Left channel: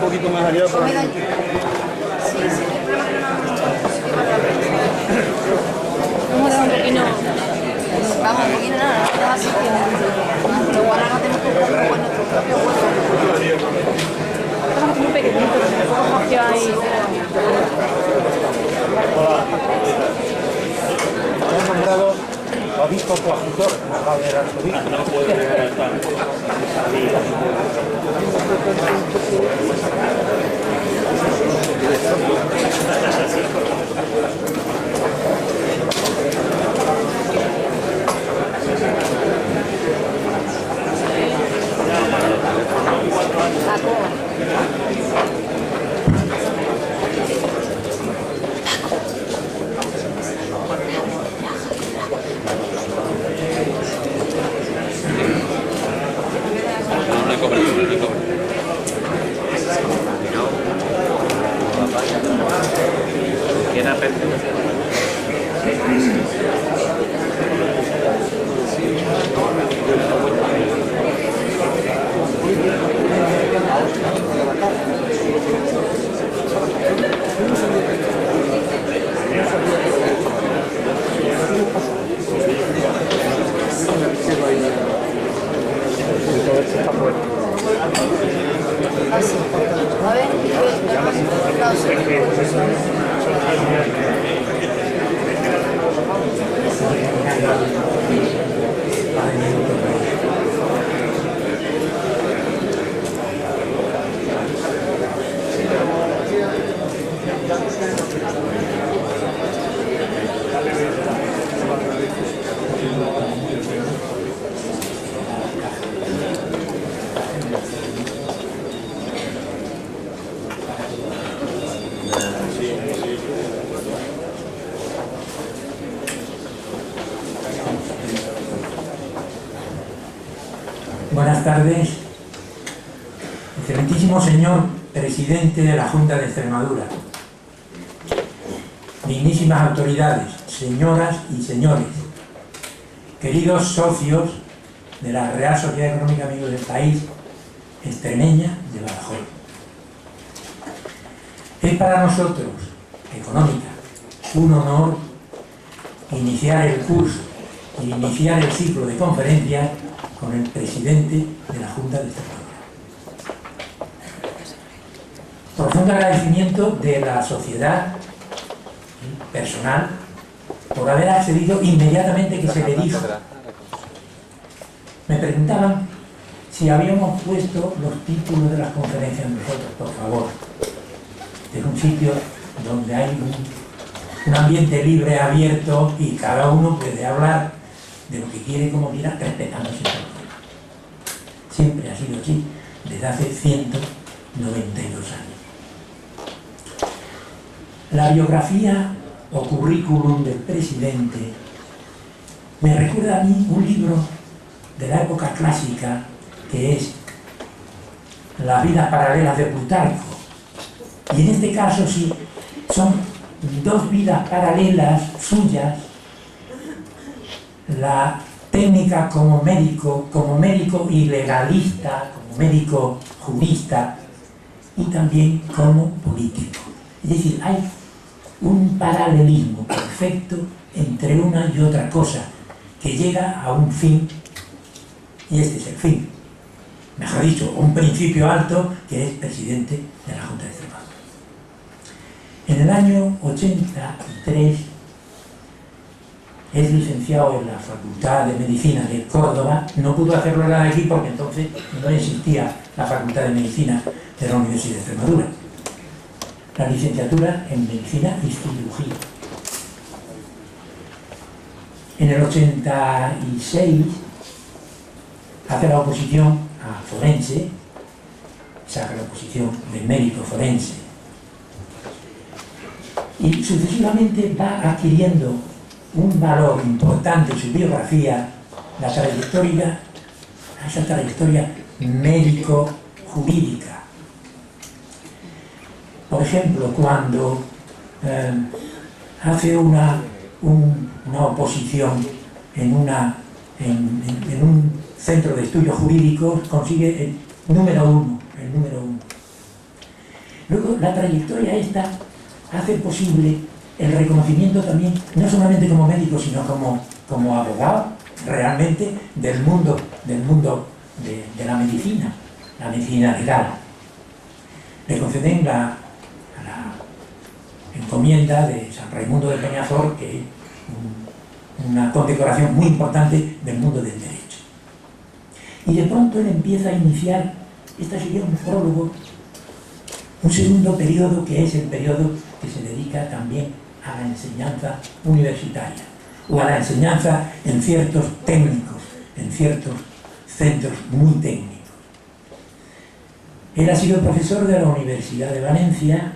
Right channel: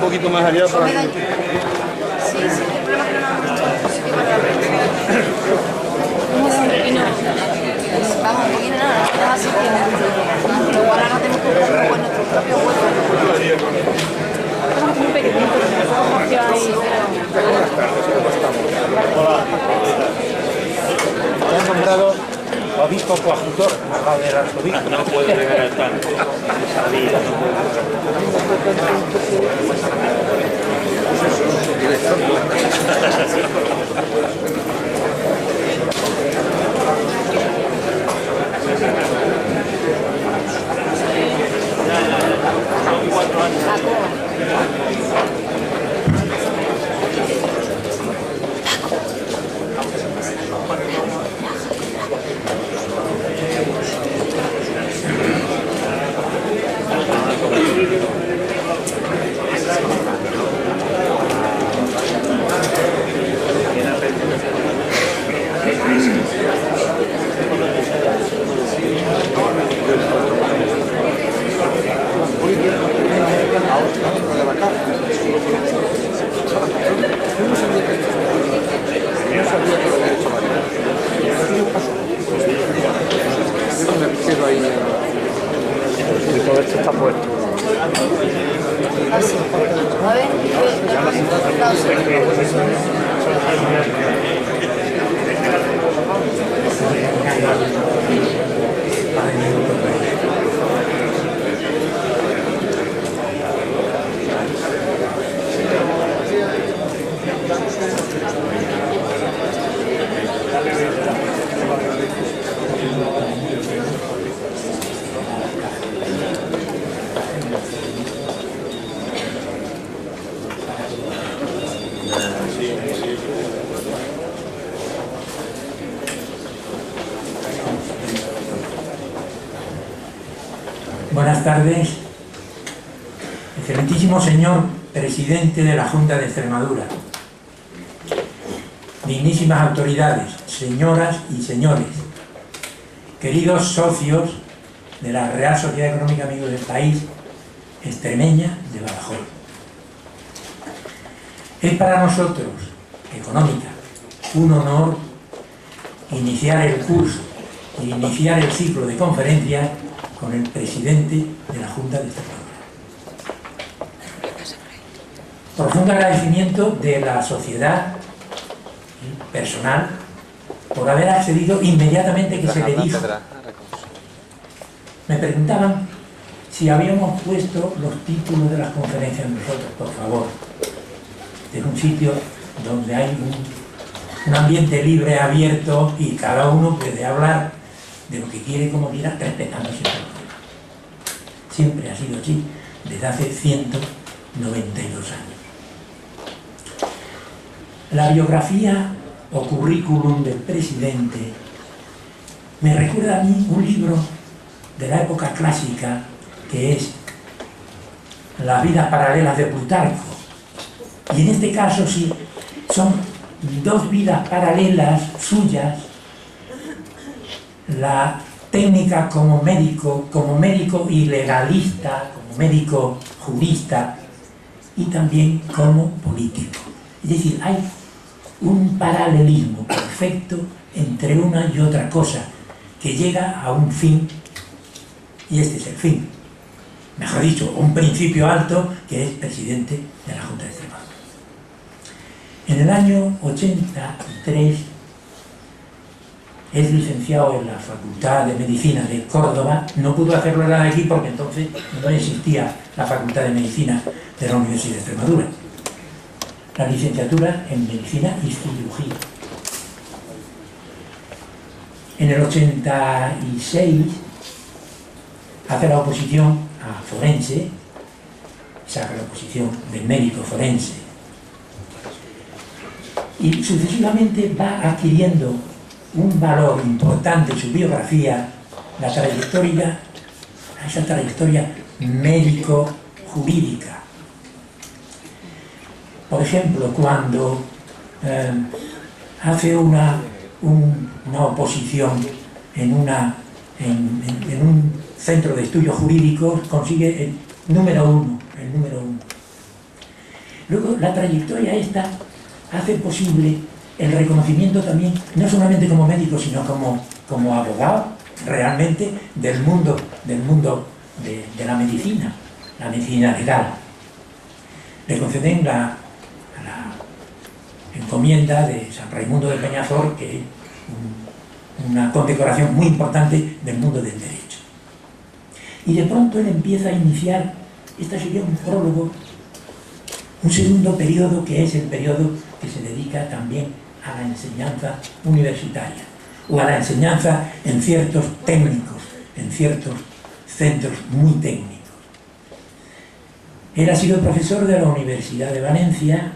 poquito más allá para... Sí, sí, el problema es que no nos sitio para la prensa. Vamos a dejar un poquito. Vamos, un poquito nada, no así que pero ahora no tenemos que buscar luego en nuestro propio hueco. Estamos muy pequeñitos, poco espacio ahí. Se ha nombrado obispo coadjutor al lado del arzobispo. No puedo llegar al tanto. Sabía. A ver, Buenas tardes, excelentísimo señor presidente de la Junta de Extremadura, dignísimas autoridades, señoras y señores, queridos socios de la Real Sociedad Económica Amigos del País Extremeña de Badajoz. Es para nosotros, Económica, un honor iniciar el curso y iniciar el ciclo de conferencias con el presidente de la Junta de Extremadura. Profundo agradecimiento de la sociedad personal por haber accedido inmediatamente que se le dijo. Me preguntaban si habíamos puesto los títulos de las conferencias nosotros. Por favor, es un sitio donde hay un ambiente libre, abierto, y cada uno puede hablar de lo que quiere, como quiera, respetando siempre. Siempre ha sido así, desde hace 192 años. La biografía o currículum del presidente me recuerda a mí un libro de la época clásica que es Las vidas paralelas de Plutarco. Y en este caso sí, son dos vidas paralelas suyas, la técnica como médico y legalista, como médico jurista y también como político. Es decir, hay un paralelismo perfecto entre una y otra cosa que llega a un fin, y este es el fin. Mejor dicho, un principio alto que es presidente de la Junta de Extremadura. En el año 83 es licenciado en la Facultad de Medicina de Córdoba. No pudo hacerlo de aquí porque entonces no existía la Facultad de Medicina de la Universidad de Extremadura. La licenciatura en Medicina y Cirugía. En el 86 hace la oposición a forense, saca la oposición de médico forense, y sucesivamente va adquiriendo un valor importante en su biografía, esa trayectoria médico-jurídica. Por ejemplo, cuando hace una oposición en un centro de estudios jurídicos, consigue el número uno. Luego la trayectoria esta hace posible el reconocimiento también, no solamente como médico, sino como abogado realmente del mundo de la medicina legal. Le conceden la encomienda de San Raimundo de Peñafort, que es una condecoración muy importante del mundo del derecho. Y de pronto él empieza a iniciar, esta sería un prólogo, un segundo periodo, que es el periodo que se dedica también a la enseñanza universitaria, o a la enseñanza en ciertos técnicos, en ciertos centros muy técnicos. Él ha sido profesor de la Universidad de Valencia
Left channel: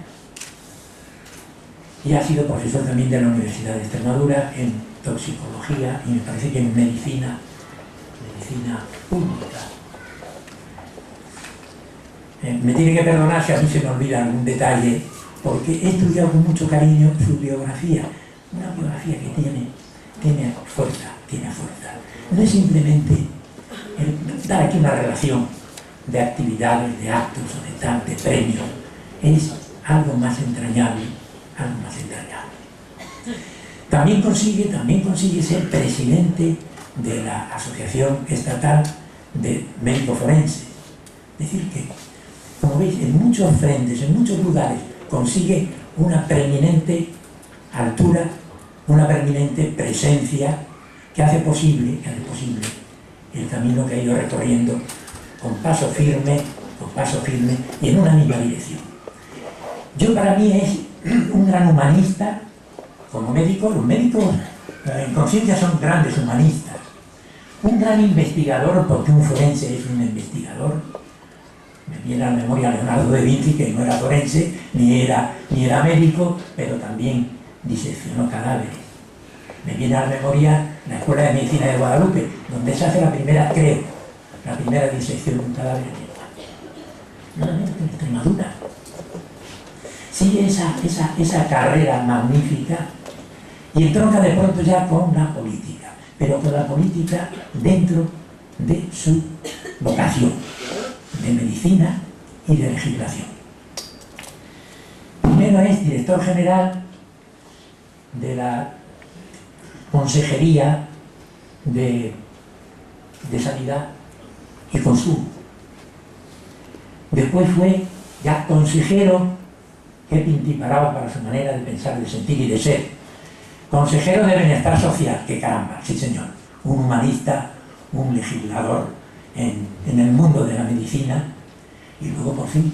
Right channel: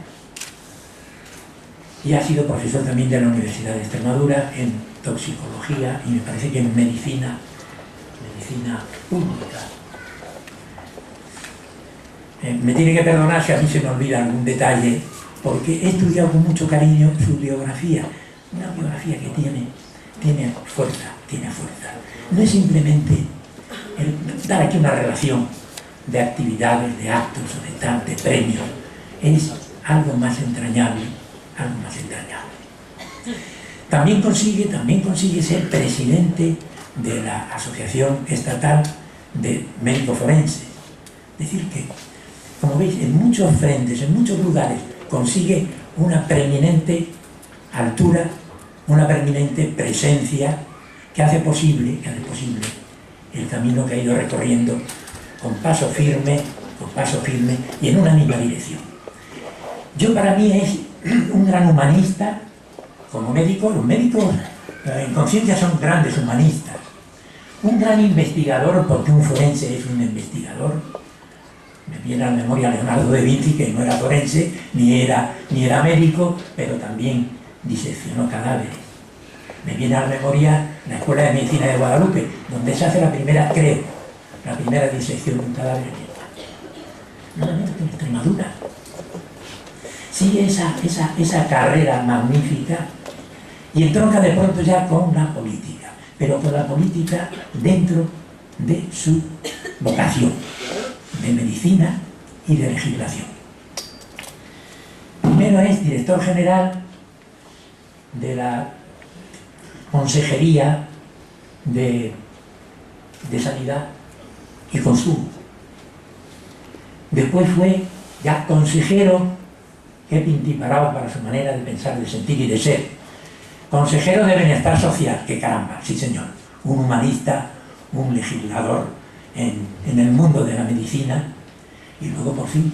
y ha sido profesor también de la Universidad de Extremadura en toxicología y me parece que en medicina pública. Me tiene que perdonar si a mí se me olvida algún detalle, porque he estudiado con mucho cariño su biografía, una biografía que tiene fuerza. No es simplemente dar aquí una relación de actividades, de actos o de premios, es algo más entrañable, También consigue ser presidente de la Asociación Estatal de Médicos Forenses. Es decir que, como veis, en muchos frentes, en muchos lugares, consigue una preeminente altura, una preeminente presencia que hace posible el camino que ha ido recorriendo con paso firme y en una misma dirección. Para mí es un gran humanista. Como médico, los médicos en conciencia son grandes humanistas. Un gran investigador, porque un forense es un investigador. Me viene a la memoria Leonardo da Vinci, que no era forense, ni era médico, pero también diseccionó cadáveres. Me viene a la memoria la Escuela de Medicina de Guadalupe, donde se hace la primera disección de un cadáver en España. Nada menos que en Extremadura. Sigue esa carrera magnífica y entronca de pronto ya con la política, pero con la política dentro de su vocación de medicina y de legislación. Primero es director general de la Consejería de Sanidad y Consumo. Después fue ya consejero, que pintiparado para su manera de pensar, de sentir y de ser. Consejero de Bienestar Social, que caramba, sí señor, un humanista, un legislador en el mundo de la medicina, y luego por fin,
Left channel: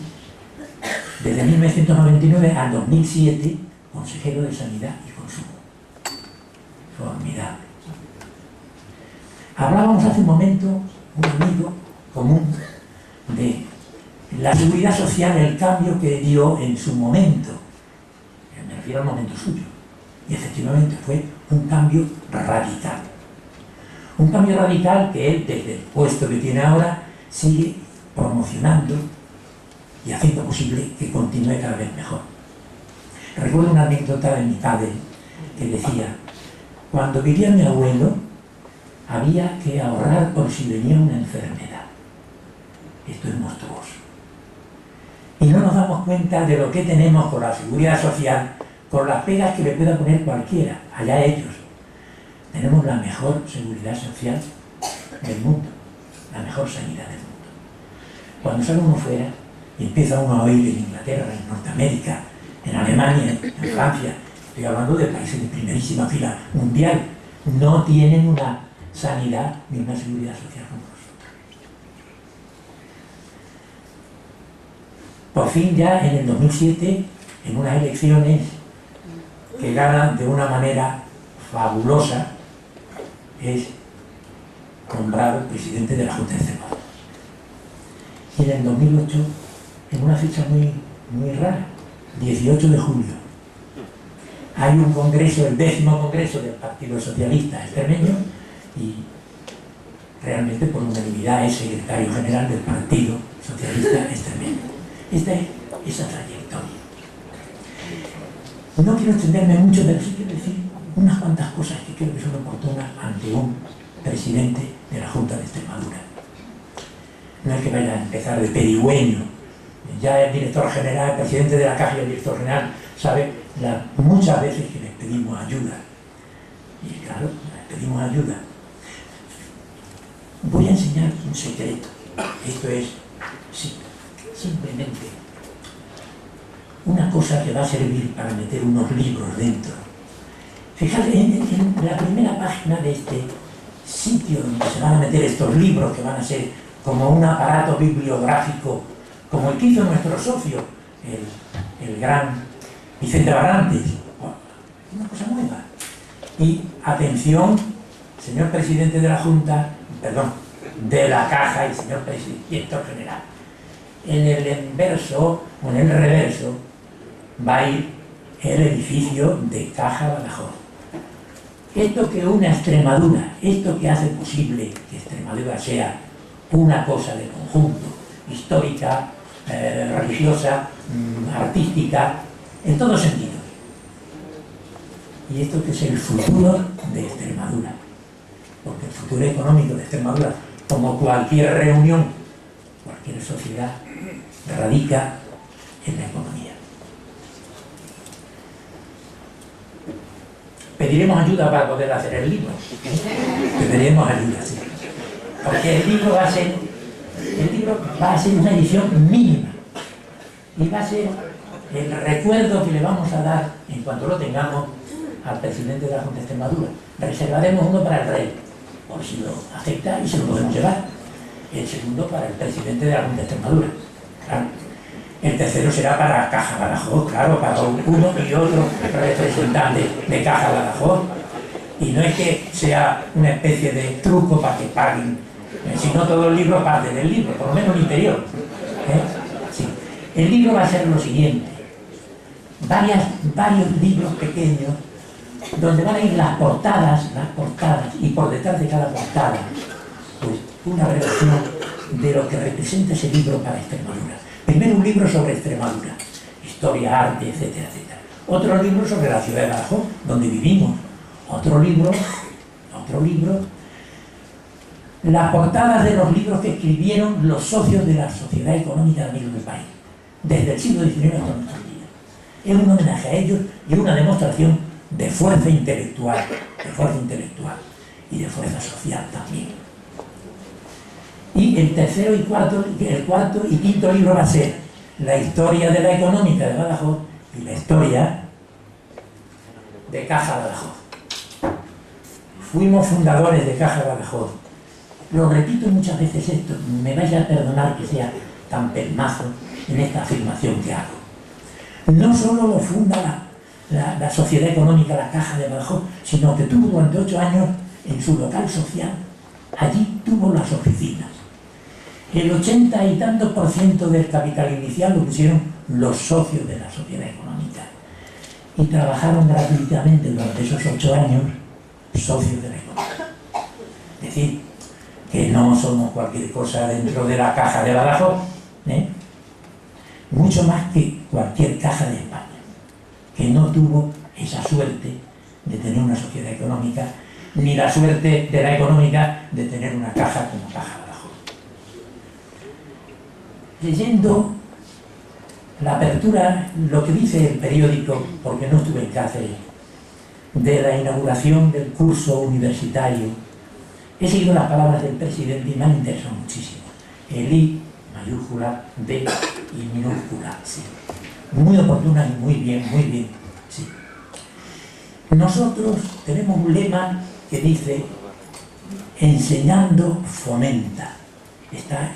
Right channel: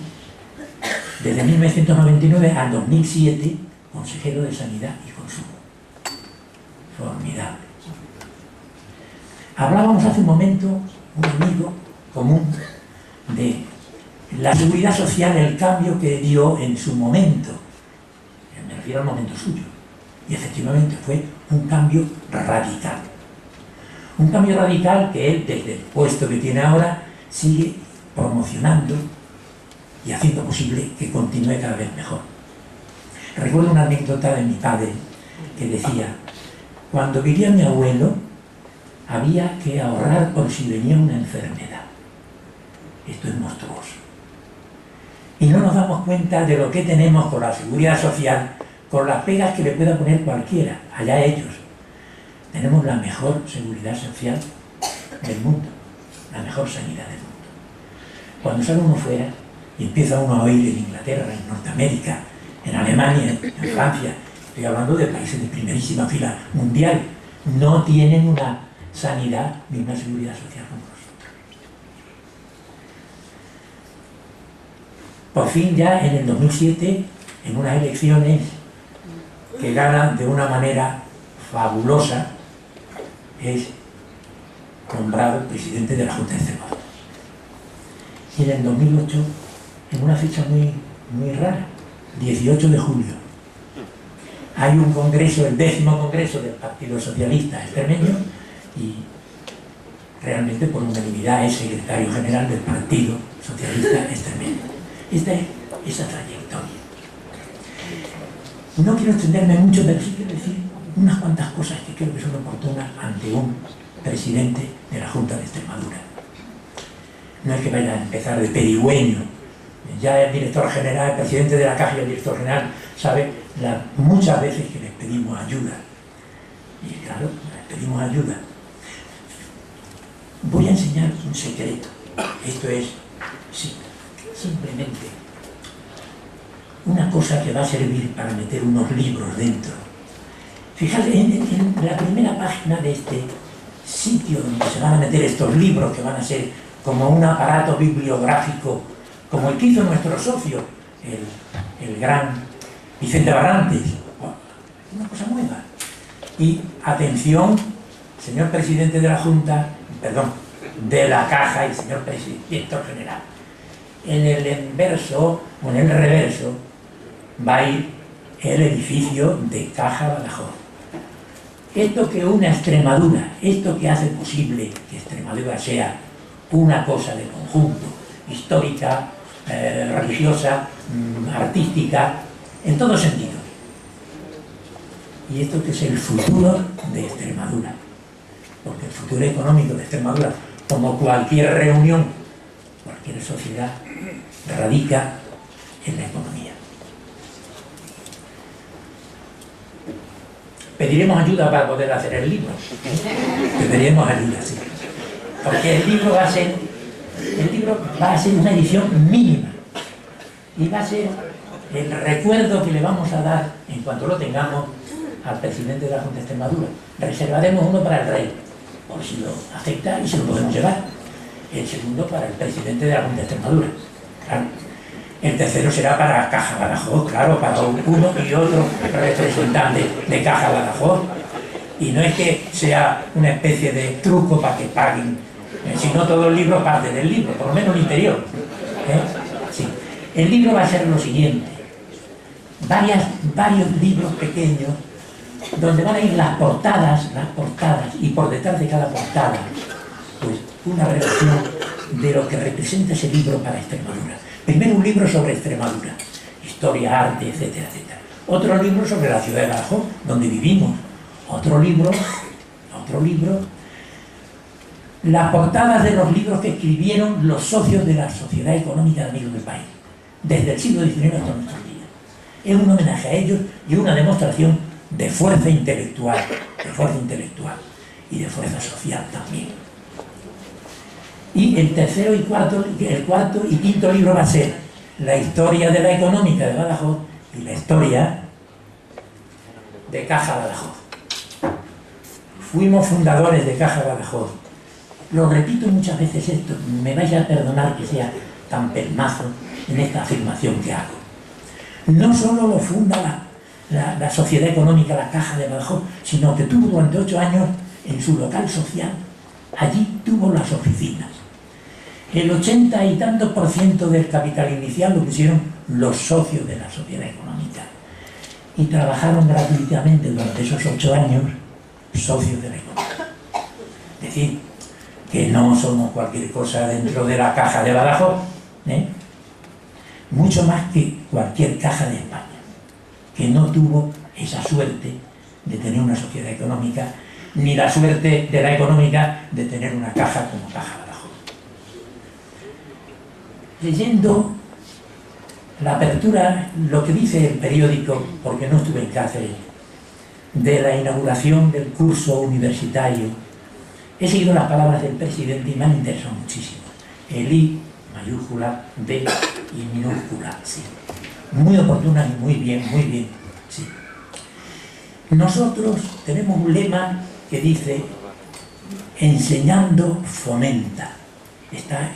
desde 1999 al 2007, consejero de Sanidad y Consumo. Formidable. Hablábamos hace un momento, un amigo común, de la seguridad social, el cambio que dio en su momento. Me refiero al momento suyo. Y efectivamente fue un cambio radical. Un cambio radical que él, desde el puesto que tiene ahora, sigue promocionando y haciendo posible que continúe cada vez mejor. Recuerdo una anécdota de mi padre que decía: cuando vivía mi abuelo, había que ahorrar por si venía una enfermedad. Esto es monstruoso. Y no nos damos cuenta de lo que tenemos con la seguridad social, con las pegas que le pueda poner cualquiera, allá ellos. Tenemos la mejor seguridad social del mundo, la mejor sanidad del mundo. Cuando sale uno fuera y empieza uno a oír en Inglaterra, en Norteamérica, en Alemania, en Francia, estoy hablando de países de primerísima fila mundial, no tienen una sanidad ni una seguridad social como nosotros. Por fin ya en el 2007, en unas elecciones que gana de una manera fabulosa, es nombrado presidente de la Junta de Extremadura. Y en el 2008, en una fecha muy rara, 18 de julio, hay un congreso, el 10º congreso del Partido Socialista Extremeño, y realmente por unanimidad es secretario general del Partido Socialista Extremeño. Esta es esa trayectoria. No quiero extenderme mucho, pero sí quiero decir unas cuantas cosas que creo que son oportunas ante un presidente de la Junta de Extremadura. No es que vaya a empezar de pedigüeño ya el director general, el presidente de la Caja y el director general sabe muchas veces que les pedimos ayuda. Y claro, les pedimos ayuda. Voy a enseñar un secreto. Esto es simplemente una cosa que va a servir para meter unos libros dentro. Fíjate, en la primera página de este sitio donde se van a meter estos libros que van a ser como un aparato bibliográfico, como el que hizo nuestro socio, el gran Vicente Barrantes. Una cosa nueva. Y atención, señor presidente de la Junta, perdón, de la Caja y señor director general. En el inverso, o en el reverso, va a ir el edificio de Caja Badajoz. Esto que une a Extremadura, esto que hace posible que Extremadura sea una cosa de conjunto, histórica, religiosa, artística, en todo sentido. Y esto que es el futuro de Extremadura. Porque el futuro económico de Extremadura, como cualquier reunión, cualquier sociedad, radica en la economía. Pediremos ayuda para poder hacer el libro. Pediremos ayuda, sí. Porque el libro va a ser una edición mínima. Y va a ser el recuerdo que le vamos a dar, en cuanto lo tengamos, al presidente de la Junta de Extremadura. Reservaremos uno para el rey, por si lo acepta y se lo podemos llevar. El segundo para el presidente de la Junta de Extremadura. Claro. El tercero será para Caja Badajoz, claro, para uno y otro representante de Caja Badajoz. Y no es que sea una especie de truco para que paguen, sino todo el libro parte del libro, por lo menos el interior. Sí. El libro va a ser lo siguiente. Varios libros pequeños donde van a ir las portadas, y por detrás de cada portada, pues una relación de lo que representa ese libro para Extremadura. Primero un libro sobre Extremadura, historia, arte, etcétera, etcétera. Otro libro sobre la ciudad de Badajoz, donde vivimos. Otro libro, las portadas de los libros que escribieron los socios de la Sociedad Económica de Amigos del País, desde el siglo XIX hasta nuestros días. Es un homenaje a ellos y una demostración de fuerza intelectual y de fuerza social también. Y el cuarto y quinto libro va a ser la historia de la económica de Badajoz y la historia de Caja Badajoz. Fuimos fundadores de Caja Badajoz. Lo repito muchas veces esto, me vais a perdonar que sea tan pelmazo en esta afirmación que hago. No solo lo funda la Sociedad Económica, la Caja de Badajoz, sino que tuvo durante 8 años en su local social, allí tuvo las oficinas. El 80 y tantos % del capital inicial lo pusieron los socios de la Sociedad Económica y trabajaron gratuitamente durante esos 8 años socios de la economía. Es decir, que no somos cualquier cosa dentro de la Caja de Badajoz, mucho más que cualquier caja de España, que no tuvo esa suerte de tener una sociedad económica, ni la suerte de la económica de tener una caja como Caja Badajoz. Leyendo la apertura, lo que dice el periódico, porque no estuve en Cáceres, de la inauguración del curso universitario, he seguido las palabras del presidente y me han interesado muchísimo. El I mayúscula, D y minúscula, sí. Muy oportuna y muy bien, sí. Nosotros tenemos un lema que dice: enseñando fomenta. Está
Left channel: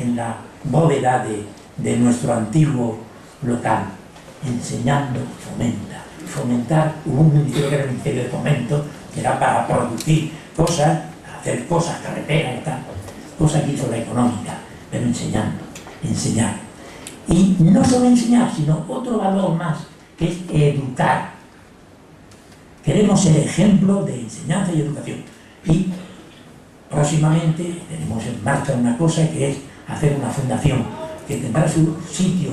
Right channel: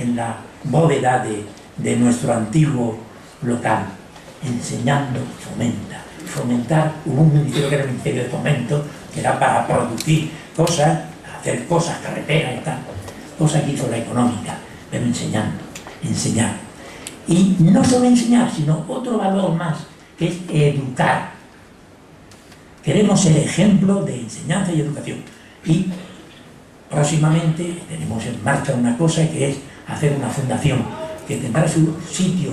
en la bóveda de nuestro antiguo local. Enseñando fomenta. Fomentar, hubo un ministerio que era el Ministerio de Fomento, que era para producir cosas, hacer cosas, carreteras y tal, cosas que hizo la económica, pero enseñando, enseñar. Y no solo enseñar, sino otro valor más, que es educar. Queremos ser ejemplo de enseñanza y educación. Y próximamente tenemos en marcha una cosa que es hacer una fundación que tendrá su sitio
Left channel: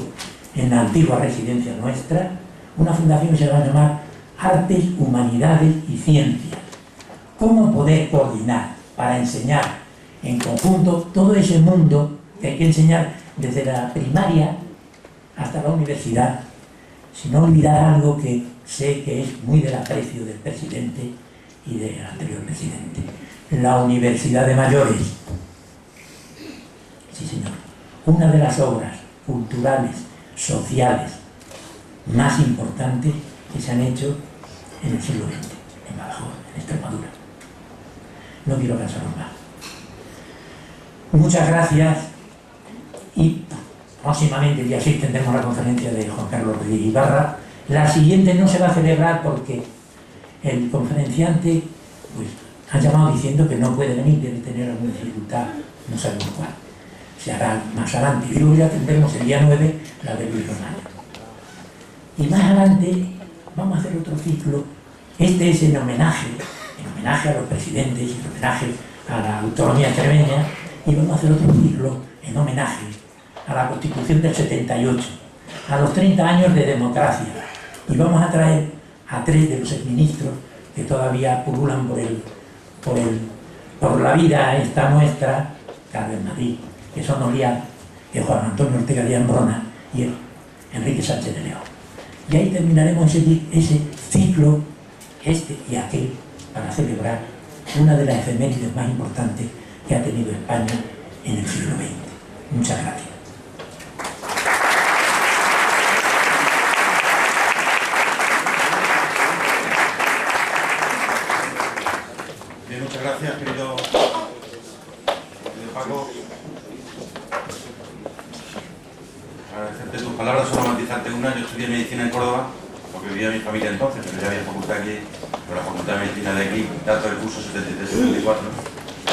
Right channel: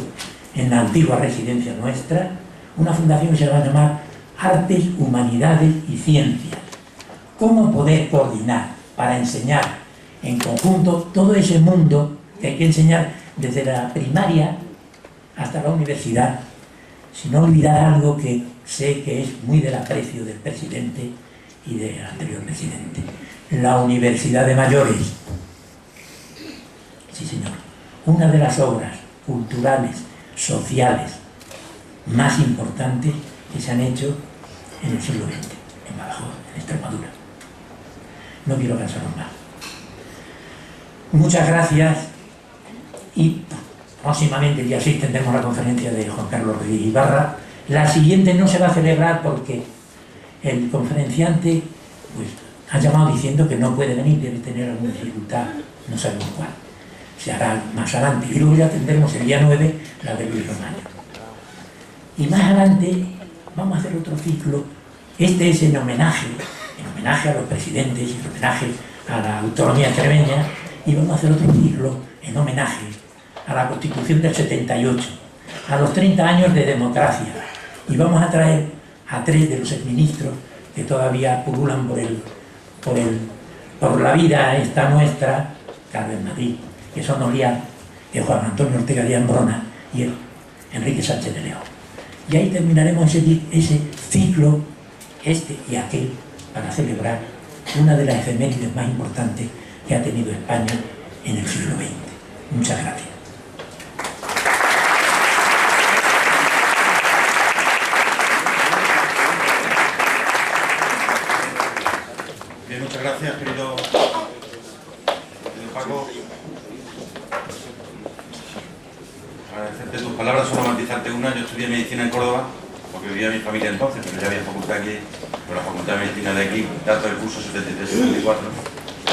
en la antigua residencia nuestra, una fundación que se va a llamar Artes, Humanidades y Ciencias. ¿Cómo poder coordinar para enseñar en conjunto todo ese mundo que hay que enseñar desde la primaria hasta la universidad, sin olvidar algo que sé que es muy del aprecio del presidente y del anterior presidente: la Universidad de Mayores. Sí, señor. Una de las obras culturales, sociales, más importantes que se han hecho en el siglo XX, en Badajoz, en Extremadura. No quiero cansaros más. Muchas gracias, y próximamente, el día 6, tendremos la conferencia de Juan Carlos Rodríguez Ibarra. La siguiente no se va a celebrar porque el conferenciante pues ha llamado diciendo que no puede venir, debe tener alguna dificultad, no sabemos cuál. Se hará más adelante, y luego ya tendremos el día 9 la de Luis Romaño. Y más adelante vamos a hacer otro ciclo. Este es en homenaje a los presidentes, en homenaje a la autonomía extremeña, y vamos a hacer otro ciclo en homenaje a la Constitución del 78, a los 30 años de democracia, y vamos a traer a 3 de los exministros que todavía pululan por la vida esta nuestra, Carlos Madrid, que son Oliar, el Juan Antonio Ortega de Ambrona y el Enrique Sánchez de León. Y ahí terminaremos ese ciclo, este y aquel, para celebrar una de las efemérides más importantes que ha tenido España en el siglo XX. Muchas gracias. Bien, muchas gracias, querido Paco. Agradecerte tus palabras, solo matizarte una. Yo estudié medicina en Córdoba, porque vivía mi familia entonces, pero ya había facultad aquí, pero la facultad de medicina de aquí, dato del curso 73-74,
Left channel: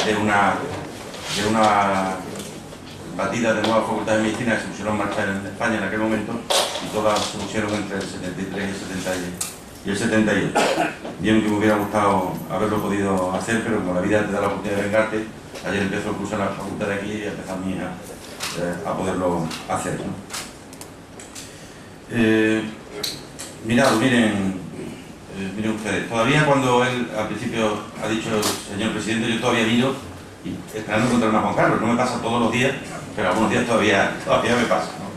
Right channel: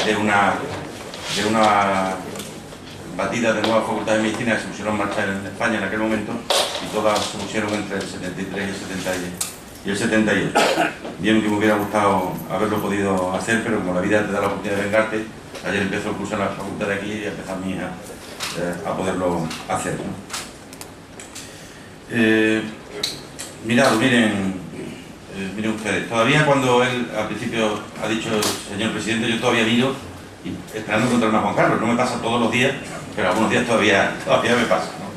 de una batida de nuevas facultades de medicina que se pusieron en marcha en España en aquel momento, y todas se pusieron entre el 73 y el 78. Bien que me hubiera gustado haberlo podido hacer, pero como la vida te da la oportunidad de vengarte, ayer empezó el curso en la facultad de aquí y empezó mi hija a poderlo hacer, ¿no? Mirad, miren ustedes, todavía cuando él al principio ha dicho, señor presidente, yo todavía miro y esperando encontrarme a Juan Carlos. No me pasa todos los días, pero algunos días todavía me pasa, ¿no?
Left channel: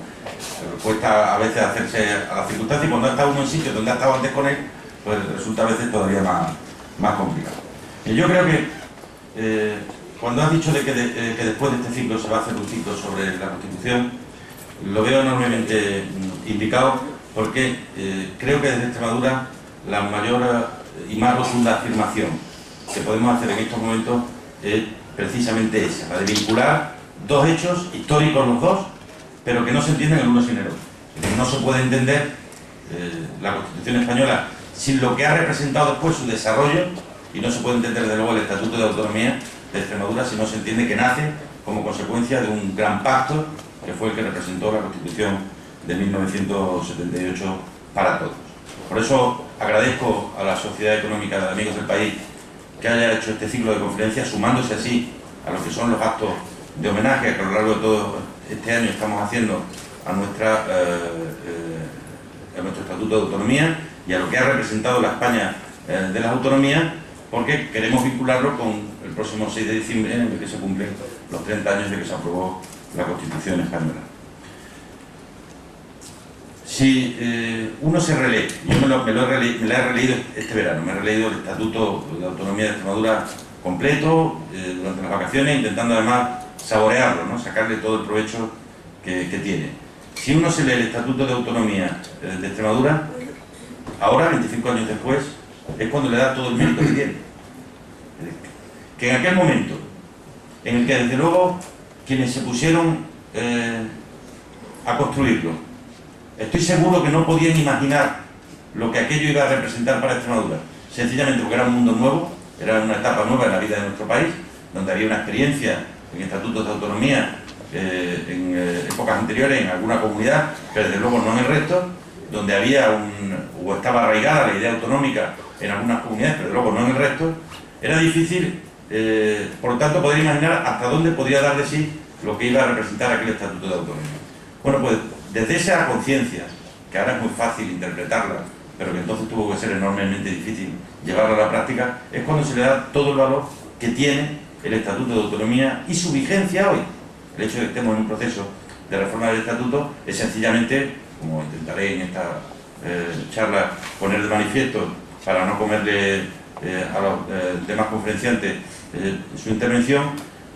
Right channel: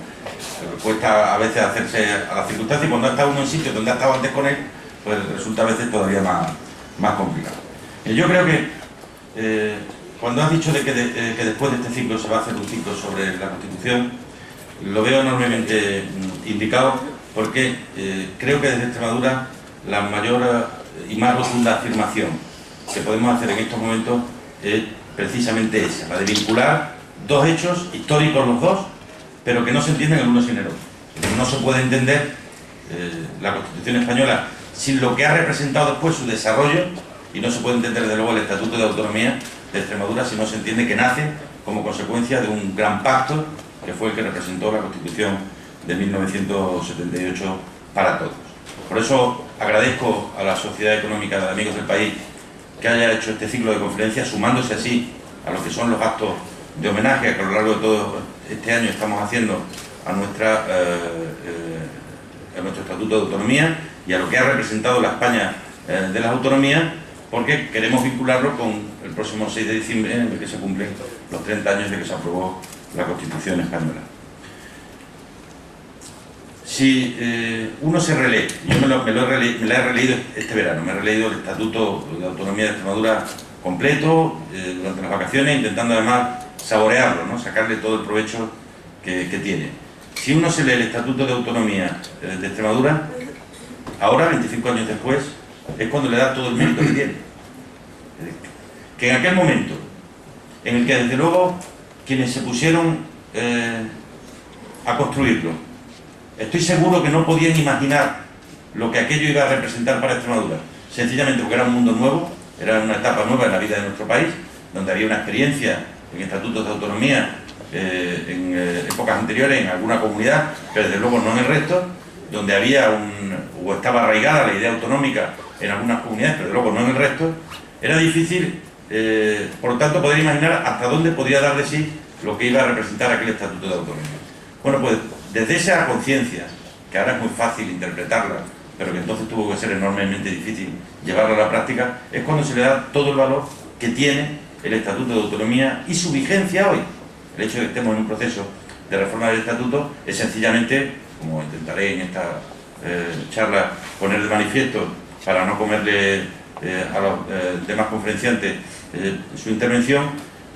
Pero cuesta a veces hacerse a las circunstancias, y cuando ha estado uno en sitios donde ha estado antes con él, pues resulta a veces todavía más complicado. Yo creo que cuando has dicho que después de este ciclo se va a hacer un ciclo sobre la Constitución, lo veo enormemente indicado, porque creo que desde Extremadura la mayor y más rotunda afirmación que podemos hacer en estos momentos es precisamente esa, la de vincular dos hechos históricos los dos, pero que no se entienden el uno sin el otro. No se puede entender la Constitución española sin lo que ha representado después su desarrollo, y no se puede entender desde luego el Estatuto de Autonomía de Extremadura si no se entiende que nace como consecuencia de un gran pacto que fue el que representó la Constitución de 1978 para todos. Por eso agradezco a la Sociedad Económica de Amigos del País que haya hecho este ciclo de conferencias, sumándose así a lo que son los actos de homenaje que a lo largo de todo este año estamos haciendo a nuestro Estatuto de Autonomía y a lo que ha representado la España de las autonomías, porque queremos vincularlo con el próximo 6 de diciembre, en el que se cumplen los 30 años de que se aprobó la Constitución española. Si uno se relee, yo me la he releído este verano, me he releído el Estatuto de Autonomía de Extremadura completo durante las vacaciones, intentando además saborearlo, ¿no? Sacarle todo el provecho que tiene. Si uno se lee el Estatuto de Autonomía de Extremadura, ahora, 25 años después, es cuando le da todo el mérito que tiene. Que en aquel momento, en el que desde luego quienes se pusieron a construirlo, estoy seguro que no podían imaginar lo que aquello iba a representar para Extremadura, sencillamente porque era un mundo nuevo, era una etapa nueva en la vida de nuestro país, donde había una experiencia en estatutos de autonomía en épocas anteriores en alguna comunidad, pero desde luego no en el resto, donde había o estaba arraigada la idea autonómica en algunas comunidades, pero desde luego no en el resto. Era difícil, por lo tanto, poder imaginar hasta dónde podría dar de sí lo que iba a representar aquel estatuto de autonomía. Bueno, pues desde esa conciencia, que ahora es muy fácil interpretarla, pero que entonces tuvo que ser enormemente difícil llevarla a la práctica, es cuando se le da todo el valor que tiene el Estatuto de Autonomía y su vigencia hoy. El hecho de que estemos en un proceso de reforma del estatuto es sencillamente, como intentaré en esta charla poner de manifiesto para no comerle a los demás conferenciantes su intervención,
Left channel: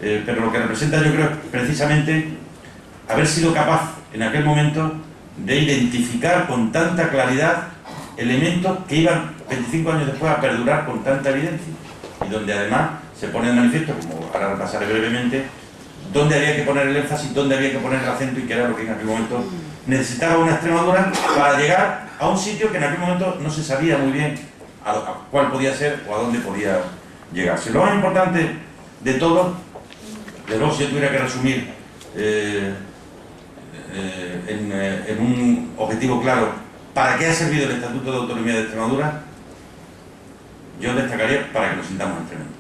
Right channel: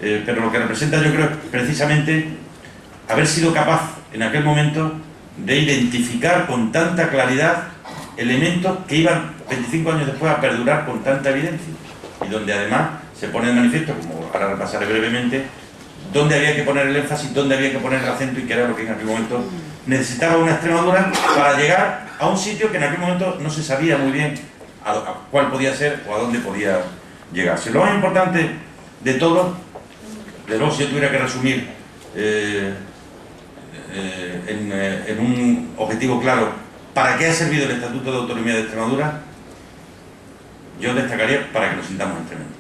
pero lo que representa, yo creo, es precisamente haber sido capaz en aquel momento de identificar con tanta claridad elementos que iban 25 años después a perdurar con tanta evidencia, y donde además se pone de manifiesto, como ahora repasaré brevemente, dónde había que poner el énfasis, dónde había que poner el acento, y que era lo que en aquel momento necesitaba una Extremadura para llegar a un sitio que en aquel momento no se sabía muy bien a cuál podía ser o a dónde podía llegarse. Lo más importante de todo, de luego, si yo tuviera que resumir en un objetivo claro, ¿para qué ha servido el Estatuto de Autonomía de Extremadura? Yo destacaría para que nos sintamos extremeños.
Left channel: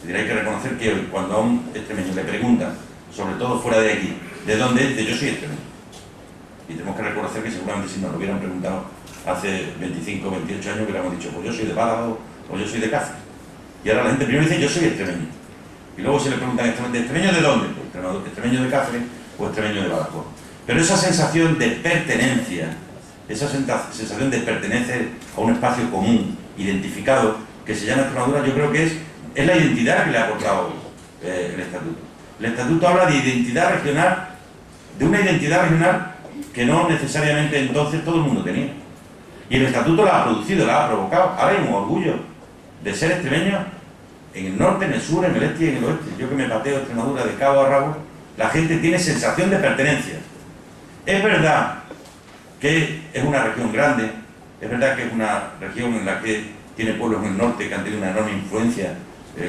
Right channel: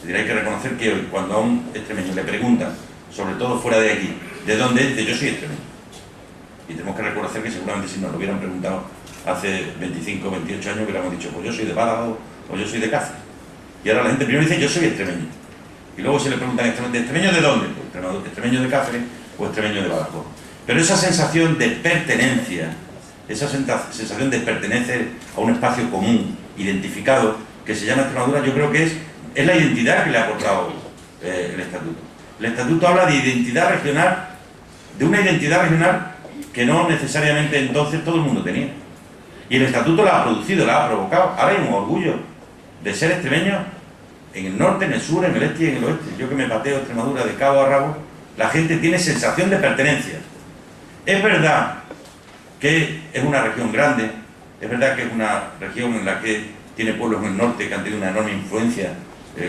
Es decir, hay que reconocer que hoy, cuando a un extremeño le preguntan, sobre todo fuera de aquí, ¿de dónde es? Yo soy extremeño. Y tenemos que reconocer que seguramente si nos lo hubieran preguntado hace 25 o 28 años, hubiéramos dicho, pues yo soy de Badajoz o yo soy de Cáceres. Y ahora la gente primero dice, yo soy extremeño. Y luego se le preguntan, ¿extremeño de dónde? Pues extremeño de Cáceres o extremeño de Badajoz. Pero esa sensación de pertenencia, esa sensación de pertenecer a un espacio común, identificado, que se llama Extremadura, yo creo que es la identidad que le ha aportado el Estatuto. El Estatuto habla de identidad regional, de una identidad regional que no necesariamente entonces todo el mundo tenía. Y el Estatuto la ha producido, la ha provocado. Ahora hay un orgullo de ser extremeño en el norte, en el sur, en el este y en el oeste. Yo que me pateo Extremadura de cabo a rabo, la gente tiene sensación de pertenencia. Es verdad que es una región grande, es verdad que es una región en la que tiene pueblos en el norte que han tenido una enorme influencia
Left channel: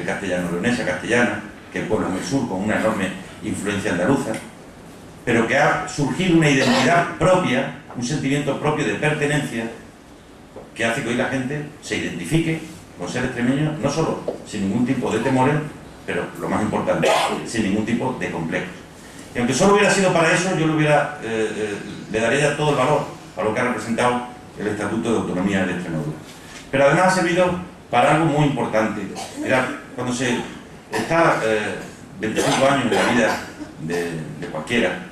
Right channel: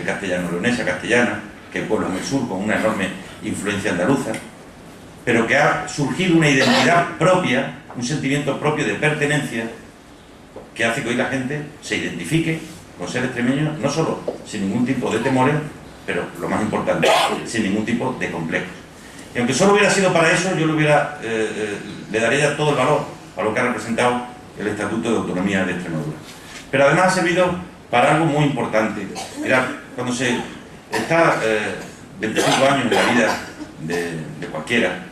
castellano-leonesa, castellana, que hay pueblos en el sur con una enorme influencia andaluza, pero que ha surgido una identidad propia, un sentimiento propio de pertenencia, que hace que hoy la gente se identifique con ser extremeño, no solo sin ningún tipo de temores, pero lo más importante, sin ningún tipo de complejos. Y aunque solo hubiera sido para eso, yo le daría ya todo el valor a lo que ha representado el Estatuto de Autonomía de Extremadura. Pero además ha servido para algo muy importante. Mirad, cuando se está 25 años en la vida de cualquiera,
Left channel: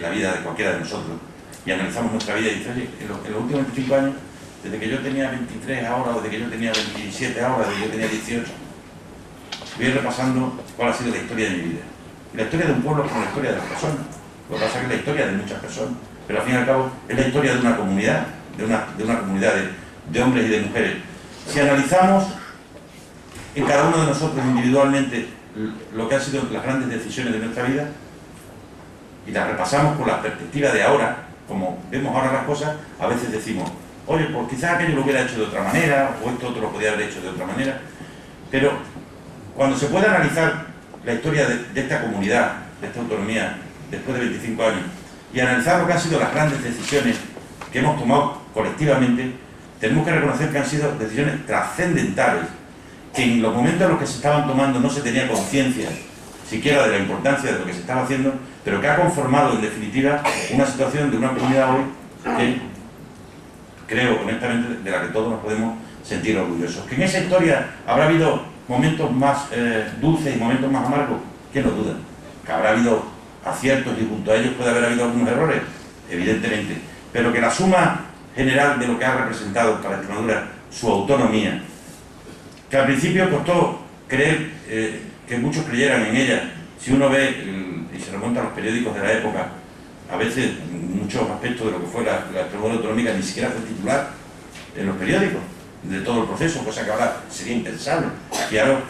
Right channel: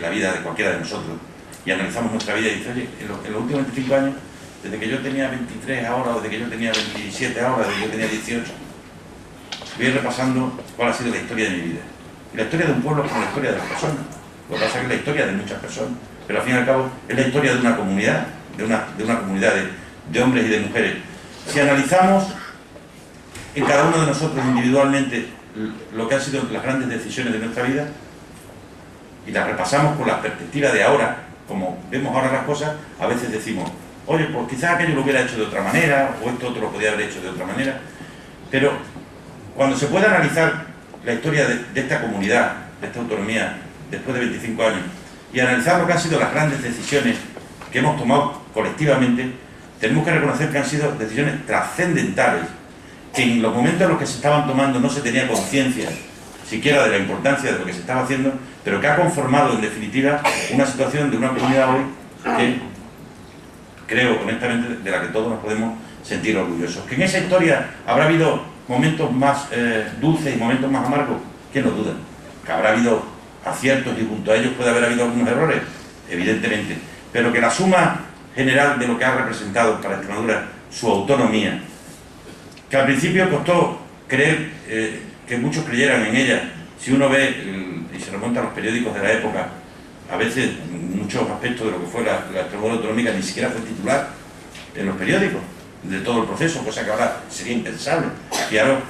la vida de cualquiera de nosotros, y analizamos nuestra vida y dice, oye, en los últimos 25 años, desde que yo tenía 23 ahora, o desde que yo tenía 27 ahora, desde que yo tenía 18, voy repasando cuál ha sido la historia de mi vida. Y la historia de un pueblo es como la historia de las personas. Lo que pasa es que es la historia de muchas personas, pero al fin y al cabo es la historia de una comunidad, de una comunidad de hombres y de mujeres. Si analizamos en cada uno de nosotros individualmente lo que han sido las grandes decisiones de nuestra vida y las repasamos con la perspectiva de ahora, como vemos ahora las cosas, a veces decimos, oye, pues quizás aquello lo hubiera hecho de otra manera, o esto otro lo podía haber hecho de otra manera. Pero cuando se puede analizar la historia de esta comunidad, de esta autonomía, después de 25 años, y analizar lo que han sido las grandes decisiones que hemos tomado colectivamente, tenemos que reconocer que han sido decisiones trascendentales, que en los momentos en los que se estaban tomando no se tenía conciencia siquiera de la importancia de lo que se estaba haciendo, pero que ha conformado en definitiva una situación de una comunidad hoy que creo honestamente de la que todos nos podemos sentir orgullosos. Que en esa historia habrá habido momentos más dulces y momentos más amargos, ¿quién lo duda? Que habrá habido aciertos y junto a ellos puede haber habido algunos errores, evidentemente, pero que la suma general de lo que ha representado para Extremadura su autonomía, que al principio costó creer que muchos creyeran en ella. Si uno ve y se remonta a los periódicos de la época, a veces muchos aspectos de lo que fue la Extremadura autonómica ni siquiera fue titular en los periódicos de todo el proceso, cosa que ahora sería impensable. Y ahora,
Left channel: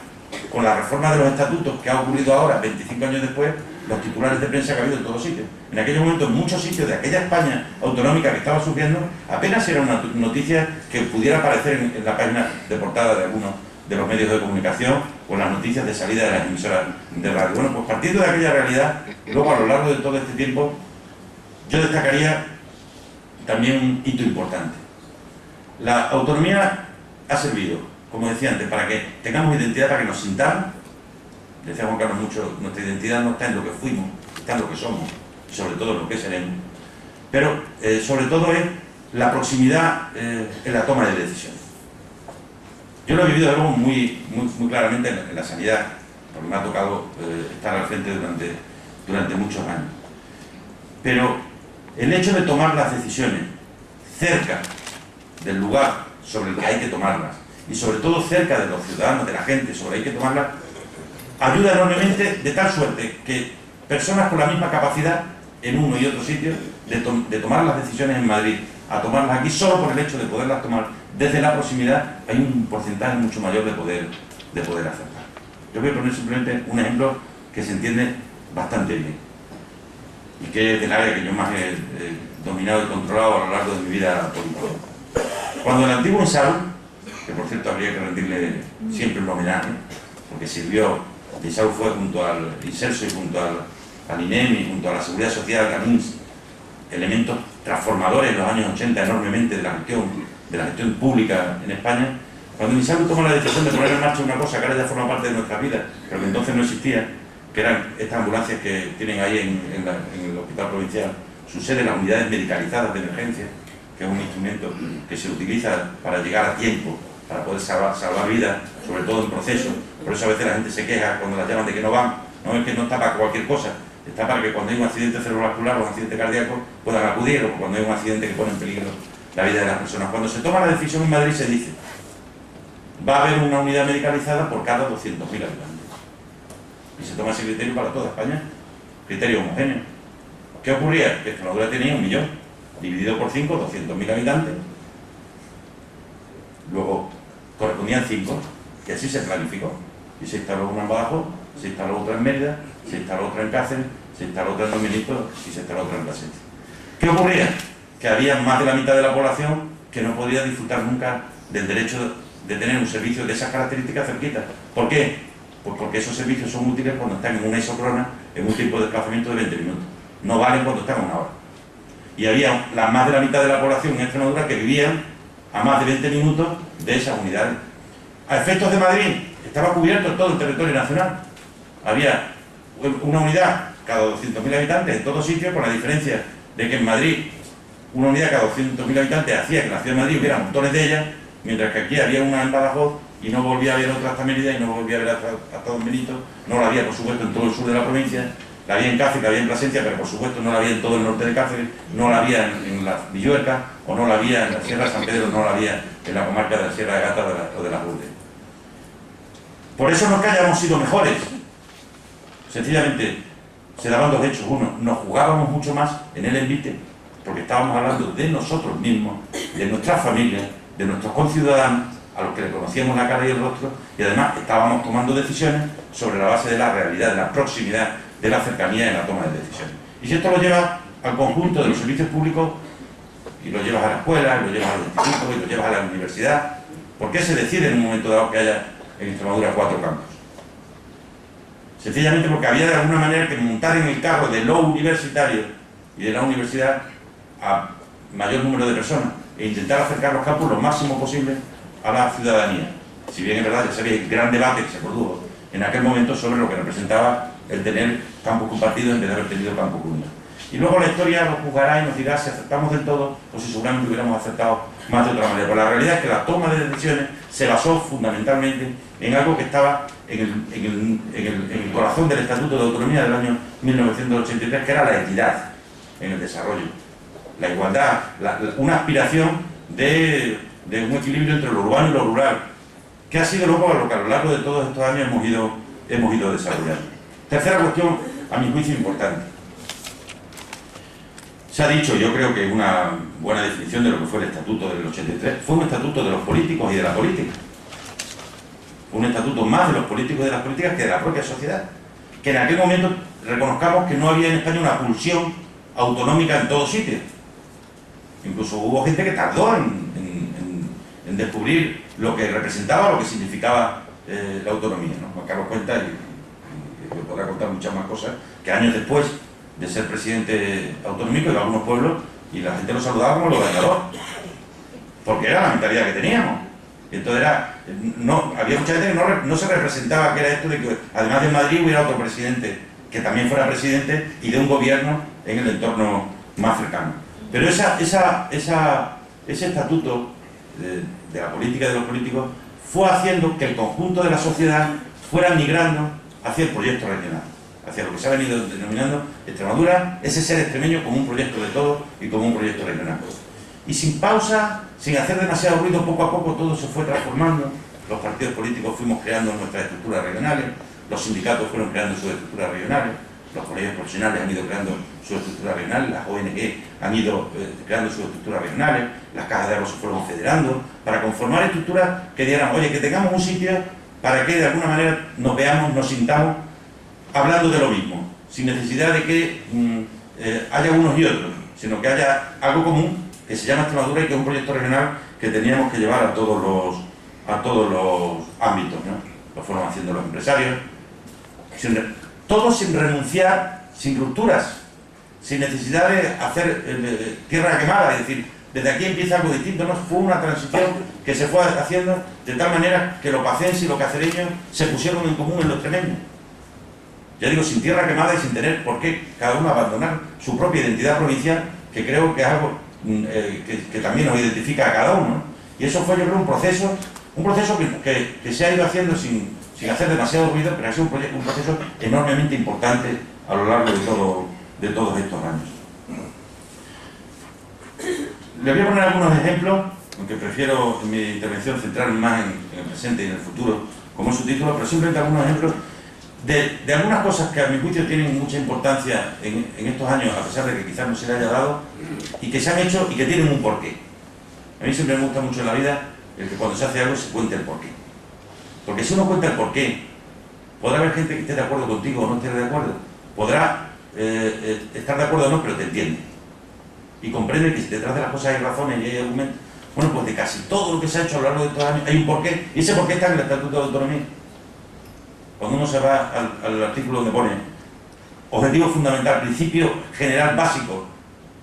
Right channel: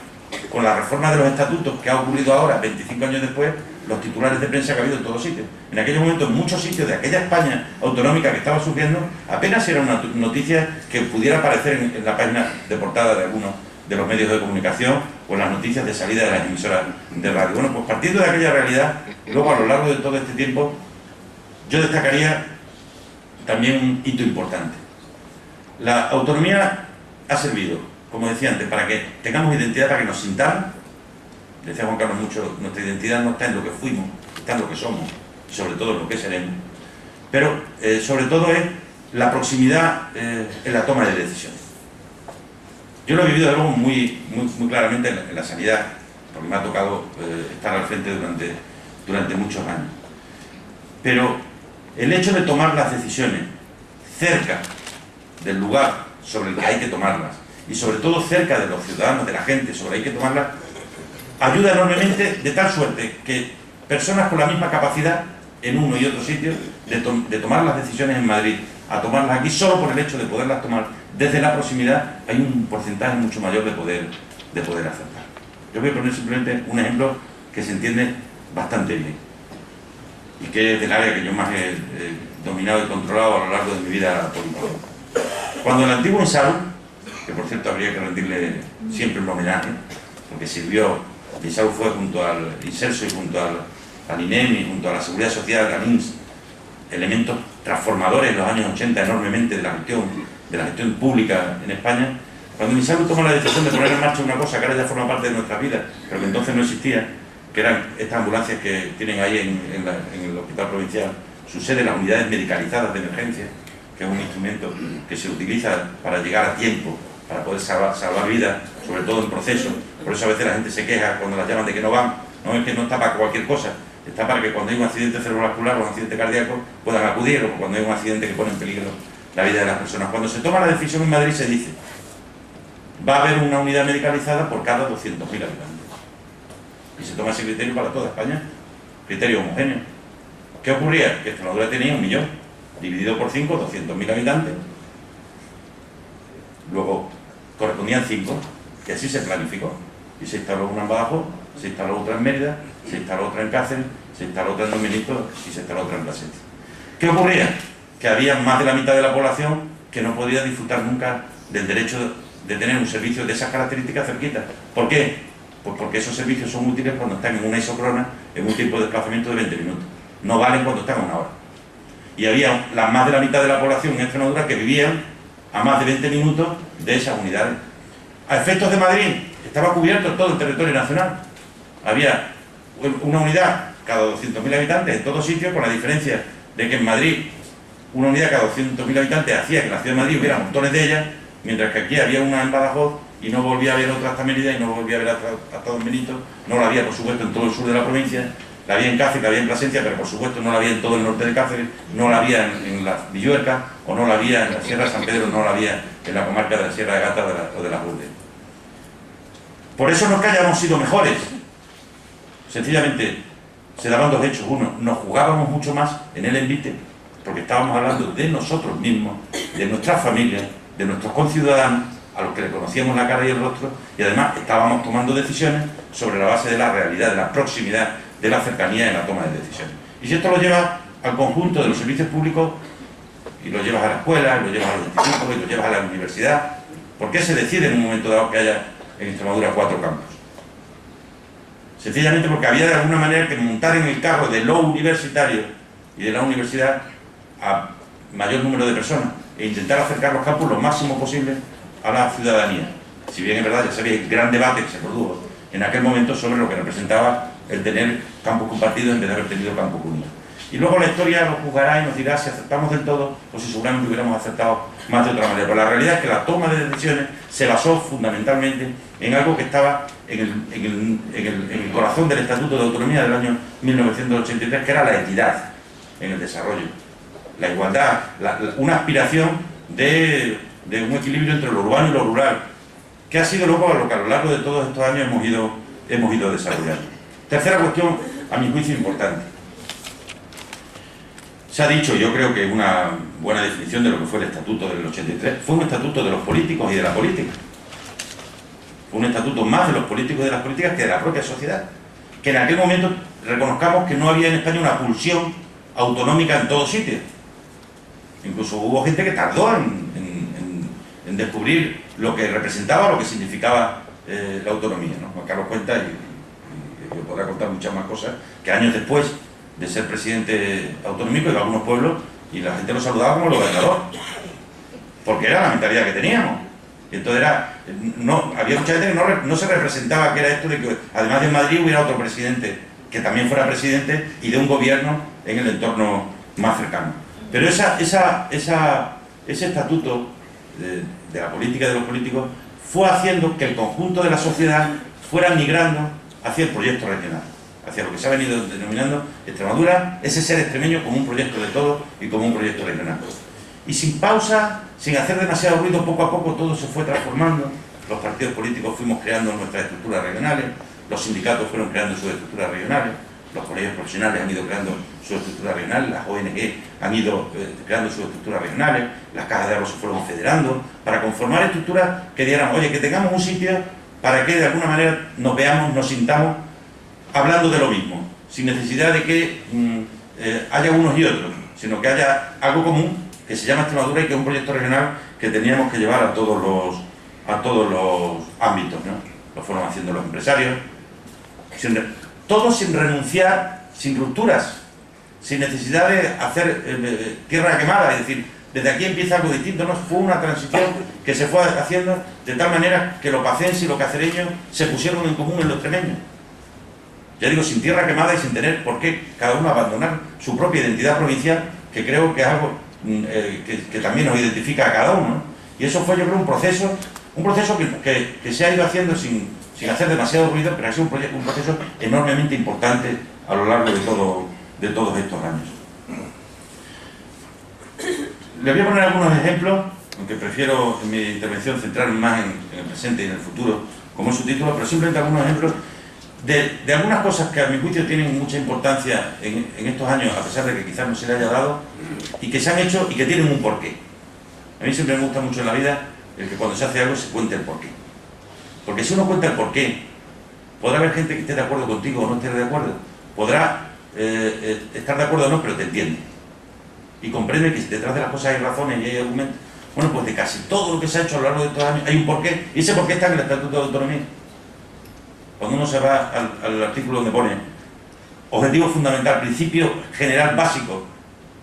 con la reforma de los estatutos que ha ocurrido ahora, 25 años después, los titulares de prensa que ha habido en todos sitios. En aquellos momentos, en muchos sitios de aquella España autonómica que estaba sufriendo, apenas era una noticia que pudiera aparecer en la página de portada de algunos de los medios de comunicación o en las noticias de salida de las emisoras de radio. Bueno, pues partiendo de aquella realidad, luego a lo largo de todo este tiempo, yo destacaría también un hito importante. La autonomía ha servido, como decía antes, para que tengamos identidad, para que nos sintamos. Decía Juan Carlos mucho, nuestra identidad no está en lo que fuimos, está en lo que somos, y sobre todo en lo que seremos. Pero sobre todo es la proximidad en la toma de decisiones. Yo lo he vivido de luego muy claramente en la sanidad, porque me ha tocado estar al frente durante muchos años. pero el hecho de tomar las decisiones cerca del lugar sobre el que hay que tomarlas, y sobre todo cerca de los ciudadanos, de la gente sobre el que hay que tomarlas, ayuda enormemente, de tal suerte que personas con la misma capacidad en uno y otro sitio de tomar las decisiones en Madrid a tomarlas aquí, solo por el hecho de poderlas tomar desde la proximidad, hay un porcentaje mucho mayor de poder acertar. Yo voy a poner simplemente un ejemplo que se entiende bastante bien y que es del área que yo más he dominado y controlado a lo largo de mi vida política. Cuando el antiguo Insalu, que por cierto habría que rendirle siempre un homenaje, porque sirvió, Insalu fue junto al Inserso y junto al INEM y junto a la Seguridad Social, al INS, elementos transformadores en los años 80 enormemente de la gestión pública en España. Cuando Insalu tomó la decisión de poner en marcha una cosa que ahora ya forma parte de nuestra vida, pero que entonces no existía, que eran estas ambulancias que tienen ahí en el hospital provincial su sede, las unidades medicalizadas de emergencia, que es un instrumento que se utiliza para llegar a tiempo, para poder salvar vidas, sobre todo en proceso. Por eso a veces la gente se queja cuando las llaman de que no van. No es que no está para cualquier cosa, está para que cuando hay un accidente cerebrovascular o un accidente cardíaco puedan acudir, o cuando hay un accidente que pone en peligro la vida de las personas. Cuando se toma la decisión en Madrid se dice: va a haber una unidad medicalizada por cada 200.000 habitantes. Y se toma ese criterio para toda España, criterio homogéneo. ¿Qué ocurría? Que Extremadura tenía 1 millón, dividido por 5, 200.000 habitantes. Luego correspondían 5, y así se planificó. Y se instaló una en Badajoz, se instaló otra en Mérida, se instaló otra en Cáceres, se instaló otra en Dominico y se instaló otra en Plasencia. ¿Qué ocurría? Que había más de la mitad de la población que no podía disfrutar nunca del derecho de tener un servicio de esas características cerquita. ¿Por qué? Pues porque esos servicios son útiles cuando están en una isócrona, en un tiempo de desplazamiento de 20 minutos. No valen cuando están a 1 hora. Y había más de la mitad de la población en Extremadura que vivían a más de 20 minutos de esas unidades. A efectos de Madrid, estaba cubierto todo el territorio nacional. Había una unidad cada 200.000 habitantes en todos sitios, con la diferencia de que en Madrid una unidad cada 200.000 habitantes hacía que en la ciudad de Madrid hubiera montones de ellas, mientras que aquí había una en Badajoz y no volvía a haber otra hasta Mérida y no volvía a haber hasta Don Benito. No la había, por supuesto, en todo el sur de la provincia, la había en Cáceres, la había en Plasencia, pero por supuesto no la había en todo el norte de Cáceres, no la había en la Villuerca, o no la había en la Sierra de San Pedro, no la había en la comarca de la Sierra de Gata o de las Lourdes. Por eso no es que hayamos sido mejores, sencillamente se daban 2 hechos. Uno, nos jugábamos mucho más en el envite, porque estábamos hablando de nosotros mismos, de nuestras familias, de nuestros conciudadanos, a los que le conocíamos la cara y el rostro, y además estábamos tomando decisiones sobre la base de la realidad, de la proximidad, de la cercanía en la toma de decisiones. Y si esto lo llevas al conjunto de los servicios públicos, y lo llevas a la escuela, y lo llevas al instituto, y lo llevas a la universidad, ¿por qué se decide en un momento dado que haya en Extremadura 4 campos? Sencillamente porque había de alguna manera que montar en el carro de lo universitario y de la universidad a mayor número de personas e intentar acercar los campos lo máximo posible a la ciudadanía. Si bien es verdad, ya sabéis el gran debate que se produjo en aquel momento sobre lo que representaba el tener campos compartidos en vez de haber tenido campos unidos. Y luego la historia nos juzgará y nos dirá si acertamos del todo o si seguramente hubiéramos acertado más de otra manera. Pero la realidad es que la toma de decisiones se basó fundamentalmente en algo que estaba en el corazón del Estatuto de Autonomía del año 1983, que era la equidad en el desarrollo, la igualdad, una aspiración de un equilibrio entre lo urbano y lo rural, que ha sido luego lo que a lo largo de todos estos años hemos ido desarrollando. Tercera cuestión, a mi juicio, importante. Se ha dicho, yo creo que una buena definición de lo que fue el Estatuto del 83, fue un estatuto de los políticos y de la política. Fue un estatuto más de los políticos y de las políticas que de la propia sociedad. Que en aquel momento reconozcamos que no había en España una pulsión autonómica en todos sitios. Incluso hubo gente que tardó en descubrir lo que representaba, lo que significaba la autonomía, ¿no? Juan Carlos cuenta, y yo podrá contar muchas más cosas, que años después de ser presidente autonómico iba a algunos pueblos y la gente lo saludaba como lo ganador, porque era la mentalidad que teníamos. Y entonces había mucha gente que no se representaba que era esto de que además de Madrid hubiera otro presidente que también fuera presidente y de un gobierno en el entorno más cercano. Pero ese estatuto de la política y de los políticos fue haciendo que el conjunto de la sociedad fuera migrando hacia el proyecto regional, hacia lo que se ha venido denominando Extremadura, ese ser extremeño como un proyecto de todo y como un proyecto regional. Y sin pausa, sin hacer demasiado ruido, poco a poco todo se fue transformando. Los partidos políticos fuimos creando nuestras estructuras regionales, los sindicatos fueron creando sus estructuras regionales, los colegios profesionales han ido creando sus estructuras regionales, las ONG han ido creando sus estructuras regionales, las cajas de ahorro se fueron federando para conformar estructuras que dieran, oye, que tengamos un sitio para que de alguna manera nos veamos, nos sintamos hablando de lo mismo, sin necesidad de que haya unos y otros, sino que haya algo común que se llama Extremadura y que es un proyecto regional que teníamos que llevar a todos los ámbitos, ¿no? Lo fueron haciendo los empresarios, todos sin renunciar, sin rupturas, sin necesidad de hacer tierra quemada, es decir, desde aquí empieza algo distinto, ¿no? Fue una transición que se fue haciendo de tal manera que los pacenses y los cacereños se pusieron en común en los extremeños. Ya digo, sin tierra quemada y sin tener por qué cada uno abandonar su propia identidad provincial, que creo que es algo que también nos identifica a cada uno, ¿no? Y eso fue, yo creo, un proceso que se ha ido haciendo sin hacer demasiado ruido, pero ha sido un proceso enormemente importante a lo largo de todos estos años. Les voy a poner algunos ejemplos, aunque prefiero en mi intervención centrarme más en el presente y en el futuro, como es su título, pero simplemente algunos ejemplos de algunas cosas que a mi juicio tienen mucha importancia en estos años, a pesar de que quizás no se le haya dado, y que se han hecho y que tienen un porqué. A mí siempre me gusta mucho en la vida el que cuando se hace algo se cuente el porqué. Porque si uno cuenta el porqué, podrá haber gente que esté de acuerdo contigo o no esté de acuerdo. Podrá estar de acuerdo o no, pero te entiende. Y comprende que si detrás de las cosas hay razones y hay argumentos. Bueno, pues de casi todo lo que se ha hecho a lo largo de estos años hay un porqué. Y ese porqué está en el Estatuto de Autonomía. Cuando uno se va al artículo donde pone objetivo fundamental, principio general básico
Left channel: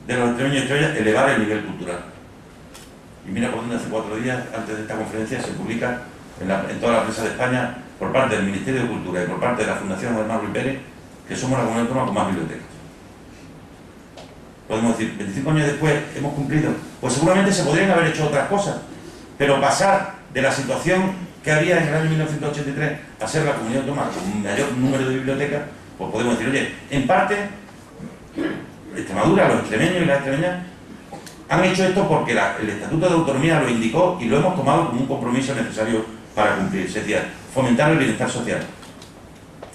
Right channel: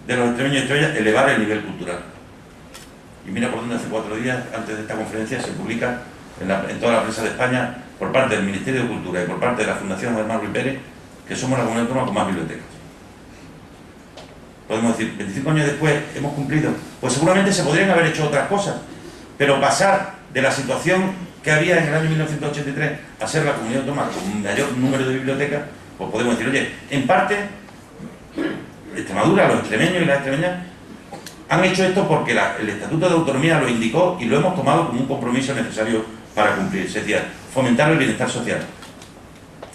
de los extremeños y extremeñas, elevar el nivel cultural. Y mira por dónde hace 4 días, antes de esta conferencia, se publica en toda la prensa de España, por parte del Ministerio de Cultura y por parte de la Fundación Ademar Ruiz Pérez, que somos la comunidad autónoma con más bibliotecas. Podemos decir, 25 años después hemos cumplido. Pues seguramente se podrían haber hecho otras cosas, pero pasar de la situación que había en el año 1983 a ser la comunidad autónoma con mayor número de bibliotecas, pues podemos decir, oye, en parte, Extremadura, los extremeños y las extremeñas han hecho esto porque el Estatuto de Autonomía lo indicó y lo hemos tomado como un compromiso necesario para cumplir. Es decir, fomentar el bienestar social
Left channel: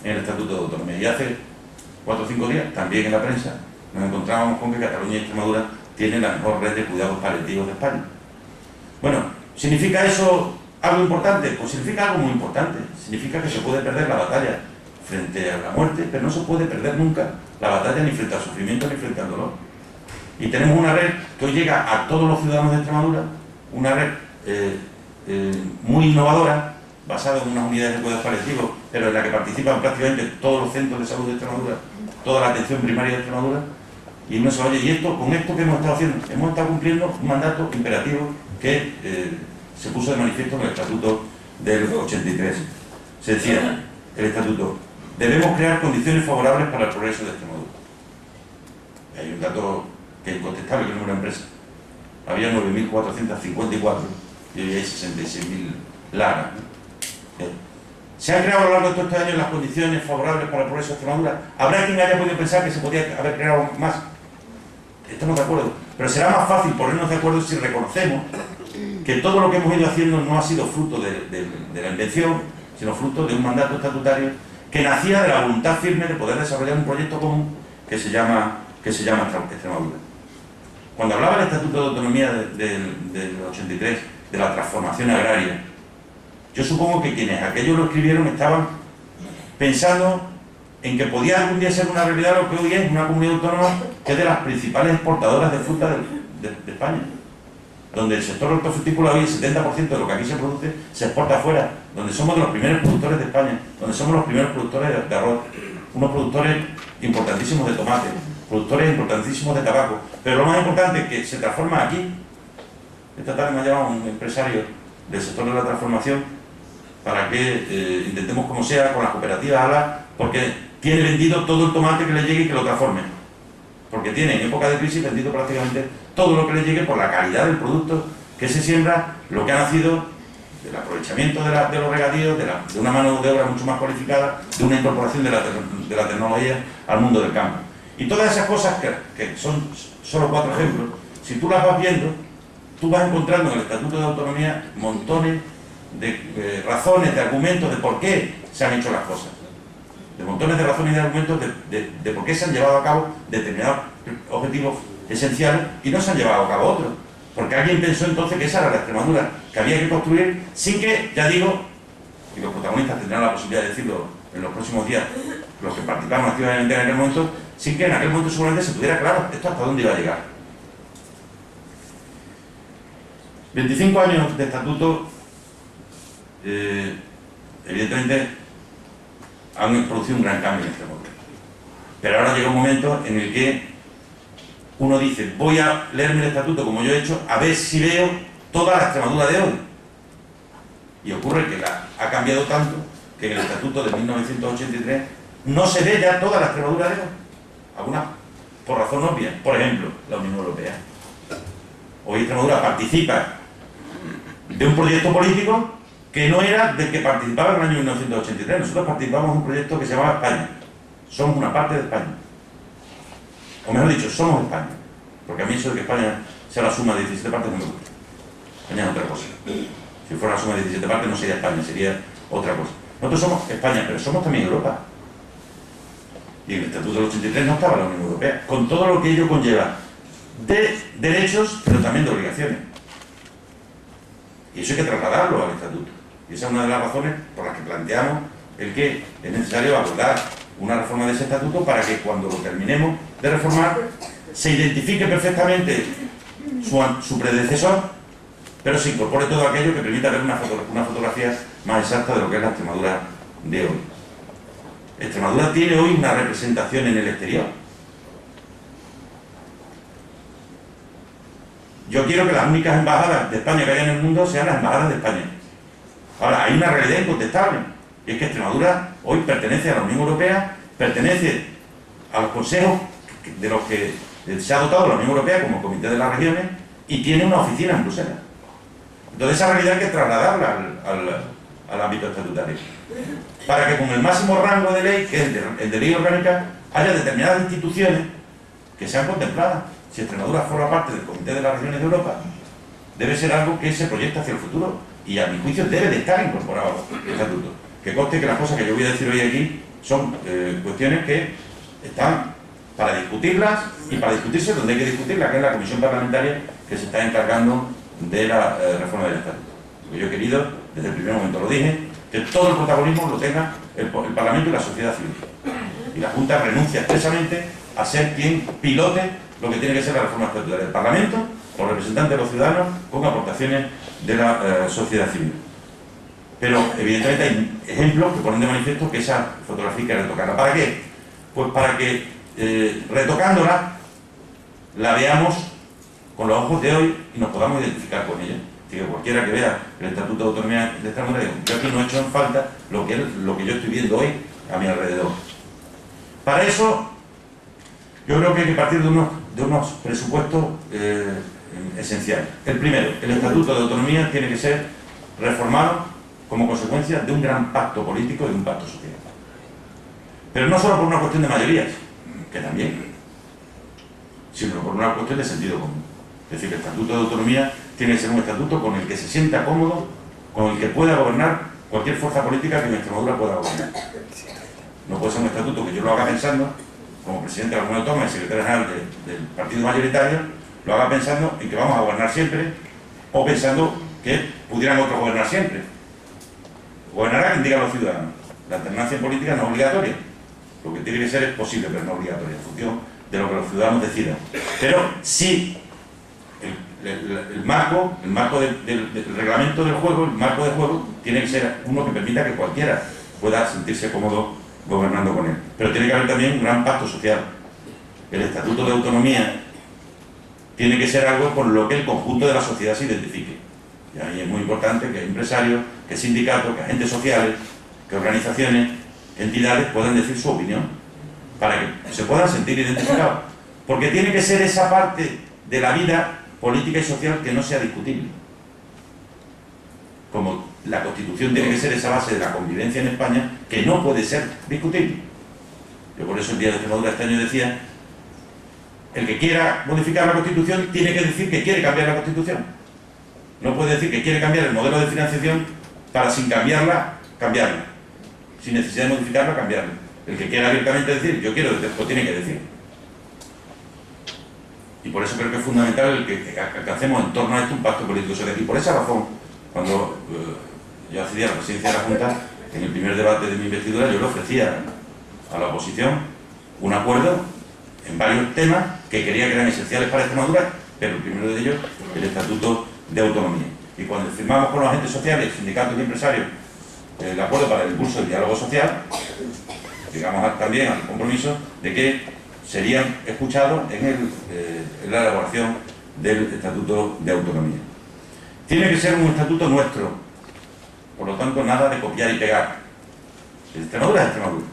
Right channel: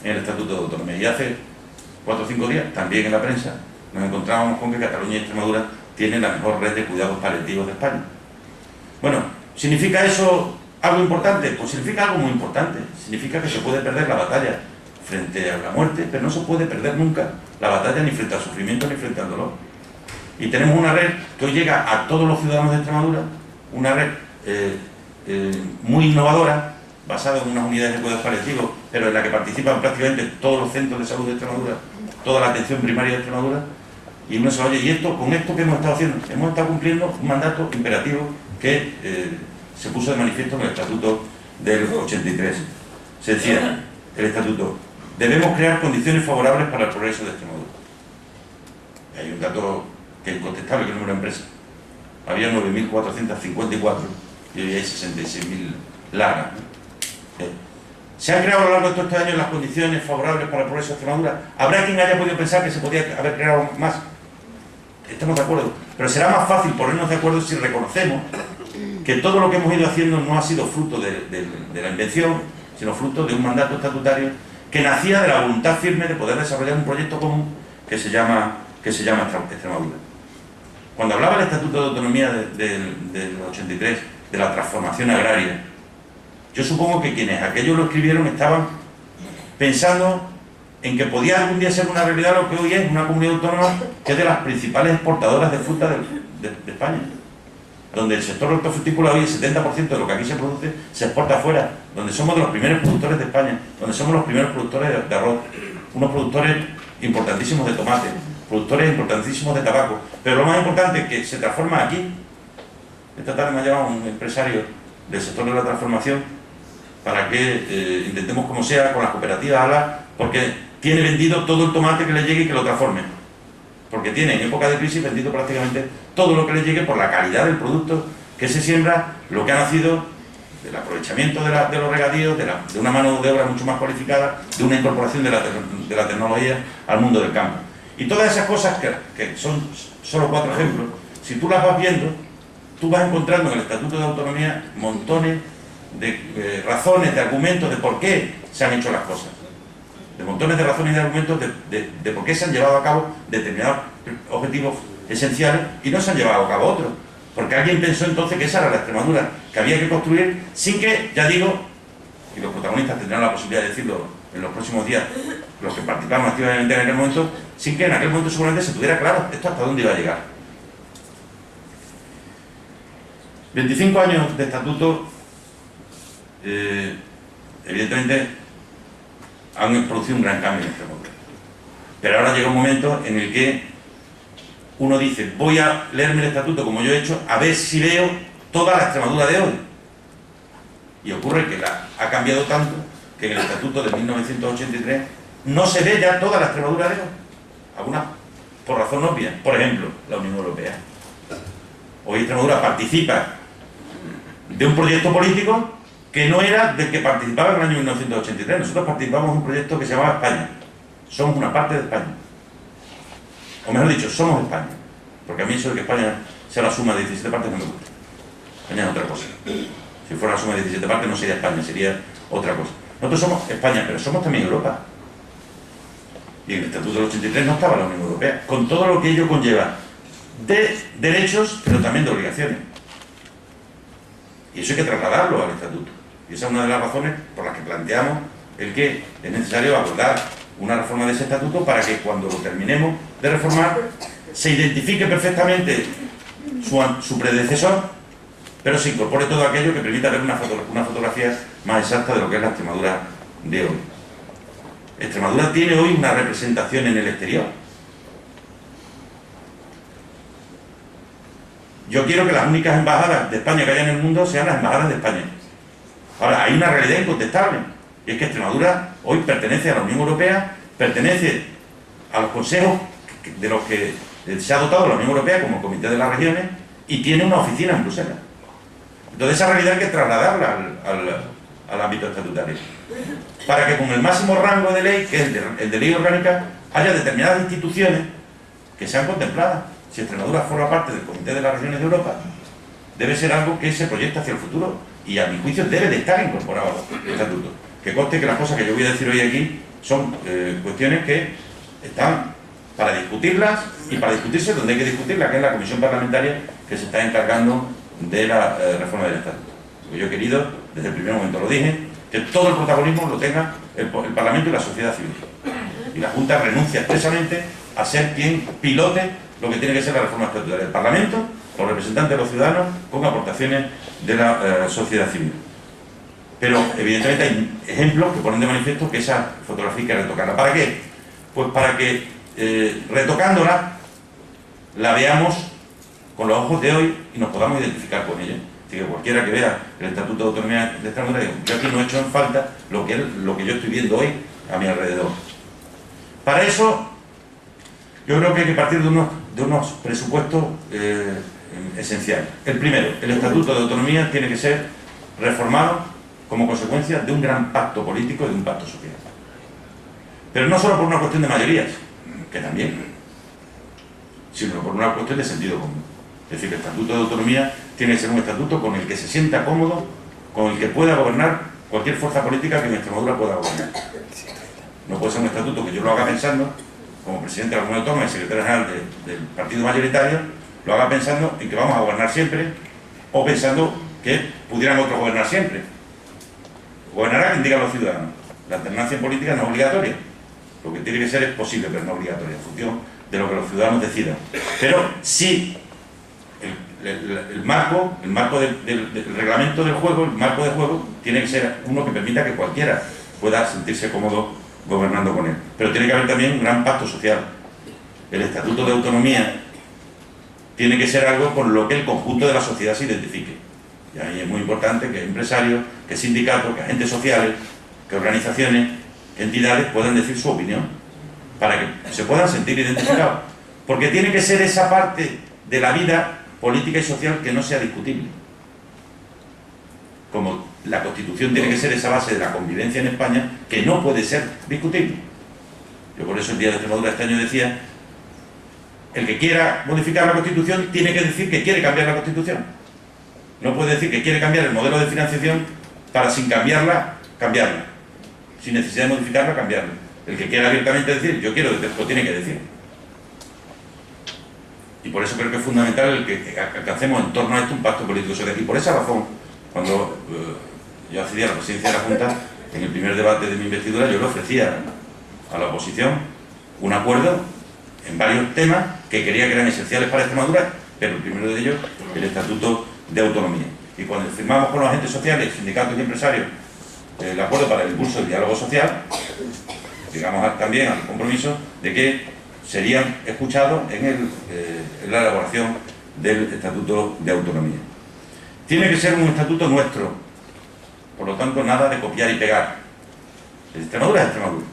en el Estatuto de Autonomía. Y hace 4 o 5 días, también en la prensa, nos encontrábamos con que Cataluña y Extremadura tienen la mejor red de cuidados paliativos de España. Bueno, ¿significa eso algo importante? Pues significa algo muy importante. Significa que se puede perder la batalla frente a la muerte, pero no se puede perder nunca la batalla ni frente al sufrimiento ni frente al dolor. Y tenemos una red que hoy llega a todos los ciudadanos de Extremadura, una red muy innovadora, basada en unas unidades de cuidados paliativos, pero en la que participan prácticamente todos los centros de salud de Extremadura, toda la atención primaria de Extremadura, y uno se oye, ¿y esto, con esto qué hemos estado haciendo? Hemos estado cumpliendo un mandato imperativo que se puso de manifiesto en el Estatuto del 83. Se decía, el Estatuto, debemos crear condiciones favorables para el progreso de Extremadura. Y hay un dato que es incontestable, que el número de empresas. Había 9.454 y hoy hay 66.000 largas. ¿Se han creado a lo largo de todos estos años las condiciones favorables para el progreso de Extremadura? ¿Habrá quien haya podido pensar que se podía haber creado más? Estamos de acuerdo. Pero será más fácil ponernos de acuerdo si reconocemos que todo lo que hemos ido haciendo no ha sido fruto de la invención, sino fruto de un mandato estatutario que nacía de la voluntad firme de poder desarrollar un proyecto común que se llama Extremadura. Cuando hablaba el Estatuto de Autonomía del 83, de la transformación agraria, yo supongo que quienes aquello lo escribieron estaban pensando en que podía algún día ser una realidad lo que hoy es una comunidad autónoma que es de las principales exportadoras de fruta de España, donde el sector hortofrutícola hoy el 70% de lo que aquí se produce se exporta afuera, donde somos de los primeros productores de España, donde somos los primeros productores de arroz, unos productores importantísimos de tomate, productores importantísimos de tabaco, pero lo más importante es que se transforma aquí. Esta tarde me ha llamado un empresario del sector de la transformación para que intentemos como sea con las cooperativas hablar, porque tiene vendido todo el tomate que le llegue y que lo transforme, porque tiene en época de crisis vendido prácticamente todo lo que le llegue por la calidad del producto que se siembra, lo que ha nacido del aprovechamiento de los regadíos, de una mano de obra mucho más cualificada, de una incorporación de la tecnología al mundo del campo. Y todas esas cosas, que son solo 4 ejemplos, si tú las vas viendo, tú vas encontrando en el Estatuto de Autonomía montones de razones, de argumentos de por qué se han hecho las cosas. De montones de razones y de argumentos de por qué se han llevado a cabo determinados objetivos esenciales y no se han llevado a cabo otros. Porque alguien pensó entonces que esa era la Extremadura que había que construir sin que, ya digo, y los protagonistas tendrán la posibilidad de decirlo en los próximos días, los que participamos activamente en aquel momento, sin que en aquel momento seguramente se tuviera claro esto hasta dónde iba a llegar. 25 años de estatuto, evidentemente, han producido un gran cambio en Extremadura. Pero ahora llega un momento en el que uno dice, voy a leerme el estatuto como yo he hecho, a ver si veo toda la Extremadura de hoy. Y ocurre que ha cambiado tanto que en el estatuto de 1983 no se ve ya toda la Extremadura de hoy. Algunas por razón obvia. Por ejemplo, la Unión Europea. Hoy Extremadura participa de un proyecto político que no era del que participaba en el año 1983. Nosotros participamos en un proyecto que se llamaba España. Somos una parte de España. O mejor dicho, somos España. Porque a mí eso de que España sea la suma de 17 partes no me gusta. España es otra cosa. Si fuera la suma de 17 partes no sería España, sería otra cosa. Nosotros somos España, pero somos también Europa. Y en el Estatuto del 83 no estaba la Unión Europea, con todo lo que ello conlleva de derechos, pero también de obligaciones. Y eso hay que trasladarlo al Estatuto. Y esa es una de las razones por las que planteamos el que es necesario abordar una reforma de ese estatuto para que cuando lo terminemos de reformar se identifique perfectamente su predecesor, pero se incorpore todo aquello que permita ver una fotografía más exacta de lo que es la Extremadura de hoy. Extremadura tiene hoy una representación en el exterior. Yo quiero que las únicas embajadas de España que haya en el mundo sean las embajadas de España. Ahora, hay una realidad incontestable, y es que Extremadura hoy pertenece a la Unión Europea, pertenece a los consejos de los que se ha dotado la Unión Europea como Comité de las Regiones y tiene una oficina en Bruselas. Entonces esa realidad hay que trasladarla al ámbito estatutario, para que con el máximo rango de ley, que es el de ley orgánica, haya determinadas instituciones que sean contempladas. Si Extremadura forma parte del Comité de las Regiones de Europa, debe ser algo que se proyecta hacia el futuro y a mi juicio debe de estar incorporado al estatuto. Que conste que las cosas que yo voy a decir hoy aquí son cuestiones que están para discutirlas y para discutirse donde hay que discutirlas, que es la comisión parlamentaria que se está encargando de la reforma del estatuto. Porque yo he querido, desde el primer momento lo dije, que todo el protagonismo lo tenga el Parlamento y la sociedad civil. Y la Junta renuncia expresamente a ser quien pilote lo que tiene que ser la reforma estatutaria. El Parlamento, los representantes de los ciudadanos, con aportaciones de la sociedad civil. Pero evidentemente hay ejemplos que ponen de manifiesto que esa fotografía hay que retocarla. ¿Para qué? Pues para que retocándola la veamos con los ojos de hoy y nos podamos identificar con ella. Así que cualquiera que vea el Estatuto de Autonomía de Extremadura, yo aquí no he hecho en falta lo que yo estoy viendo hoy a mi alrededor. Para eso, yo creo que hay que partir de unos presupuestos esenciales. El primero, el Estatuto de Autonomía tiene que ser reformado como consecuencia de un gran pacto político y de un pacto social. Pero no solo por una cuestión de mayorías, que también, sino por una cuestión de sentido común. Es decir, que el Estatuto de Autonomía tiene que ser un estatuto con el que se sienta cómodo, con el que pueda gobernar cualquier fuerza política que en Extremadura pueda gobernar. No puede ser un estatuto que yo lo haga pensando, como presidente de la Comunidad Autónoma y secretario general del partido mayoritario, lo haga pensando en que vamos a gobernar siempre, o pensando que pudieran otros gobernar siempre. Gobernará quien diga a los ciudadanos. La alternancia en política no es obligatoria. Lo que tiene que ser es posible, pero no obligatoria, en función de lo que los ciudadanos decidan. Pero sí, el marco del reglamento del juego, el marco de juego, tiene que ser uno que permita que cualquiera pueda sentirse cómodo gobernando con él. Pero tiene que haber también un gran pacto social. El Estatuto de Autonomía tiene que ser algo con lo que el conjunto de la sociedad se identifique. Y ahí es muy importante que empresarios, que sindicatos, que agentes sociales, que organizaciones, que entidades puedan decir su opinión, para que se puedan sentir identificados. Porque tiene que ser esa parte de la vida política y social que no sea discutible. Como la Constitución tiene que ser esa base de la convivencia en España que no puede ser discutible. Yo por eso el Día de Extremadura este año decía, el que quiera modificar la Constitución tiene que decir que quiere cambiar la Constitución. No puede decir que quiere cambiar el modelo de financiación para, sin cambiarla, cambiarla. Sin necesidad de modificarla, cambiarla. El que quiera abiertamente decir, yo quiero, lo tiene que decir. Y por eso creo que es fundamental el que alcancemos en torno a esto un pacto político social. Y por esa razón, cuando yo accedí a la presidencia de la Junta, en el primer debate de mi investidura, yo le ofrecía a la oposición un acuerdo en varios temas que quería que eran esenciales para Extremadura, pero el primero de ellos, el Estatuto de Autonomía. Y cuando firmamos con los agentes sociales, sindicatos y empresarios, el acuerdo para el impulso del diálogo social, llegamos también al compromiso de que serían escuchados en la elaboración del Estatuto de Autonomía. Tiene que ser un estatuto nuestro, por lo tanto nada de copiar y pegar. Extremadura es Extremadura.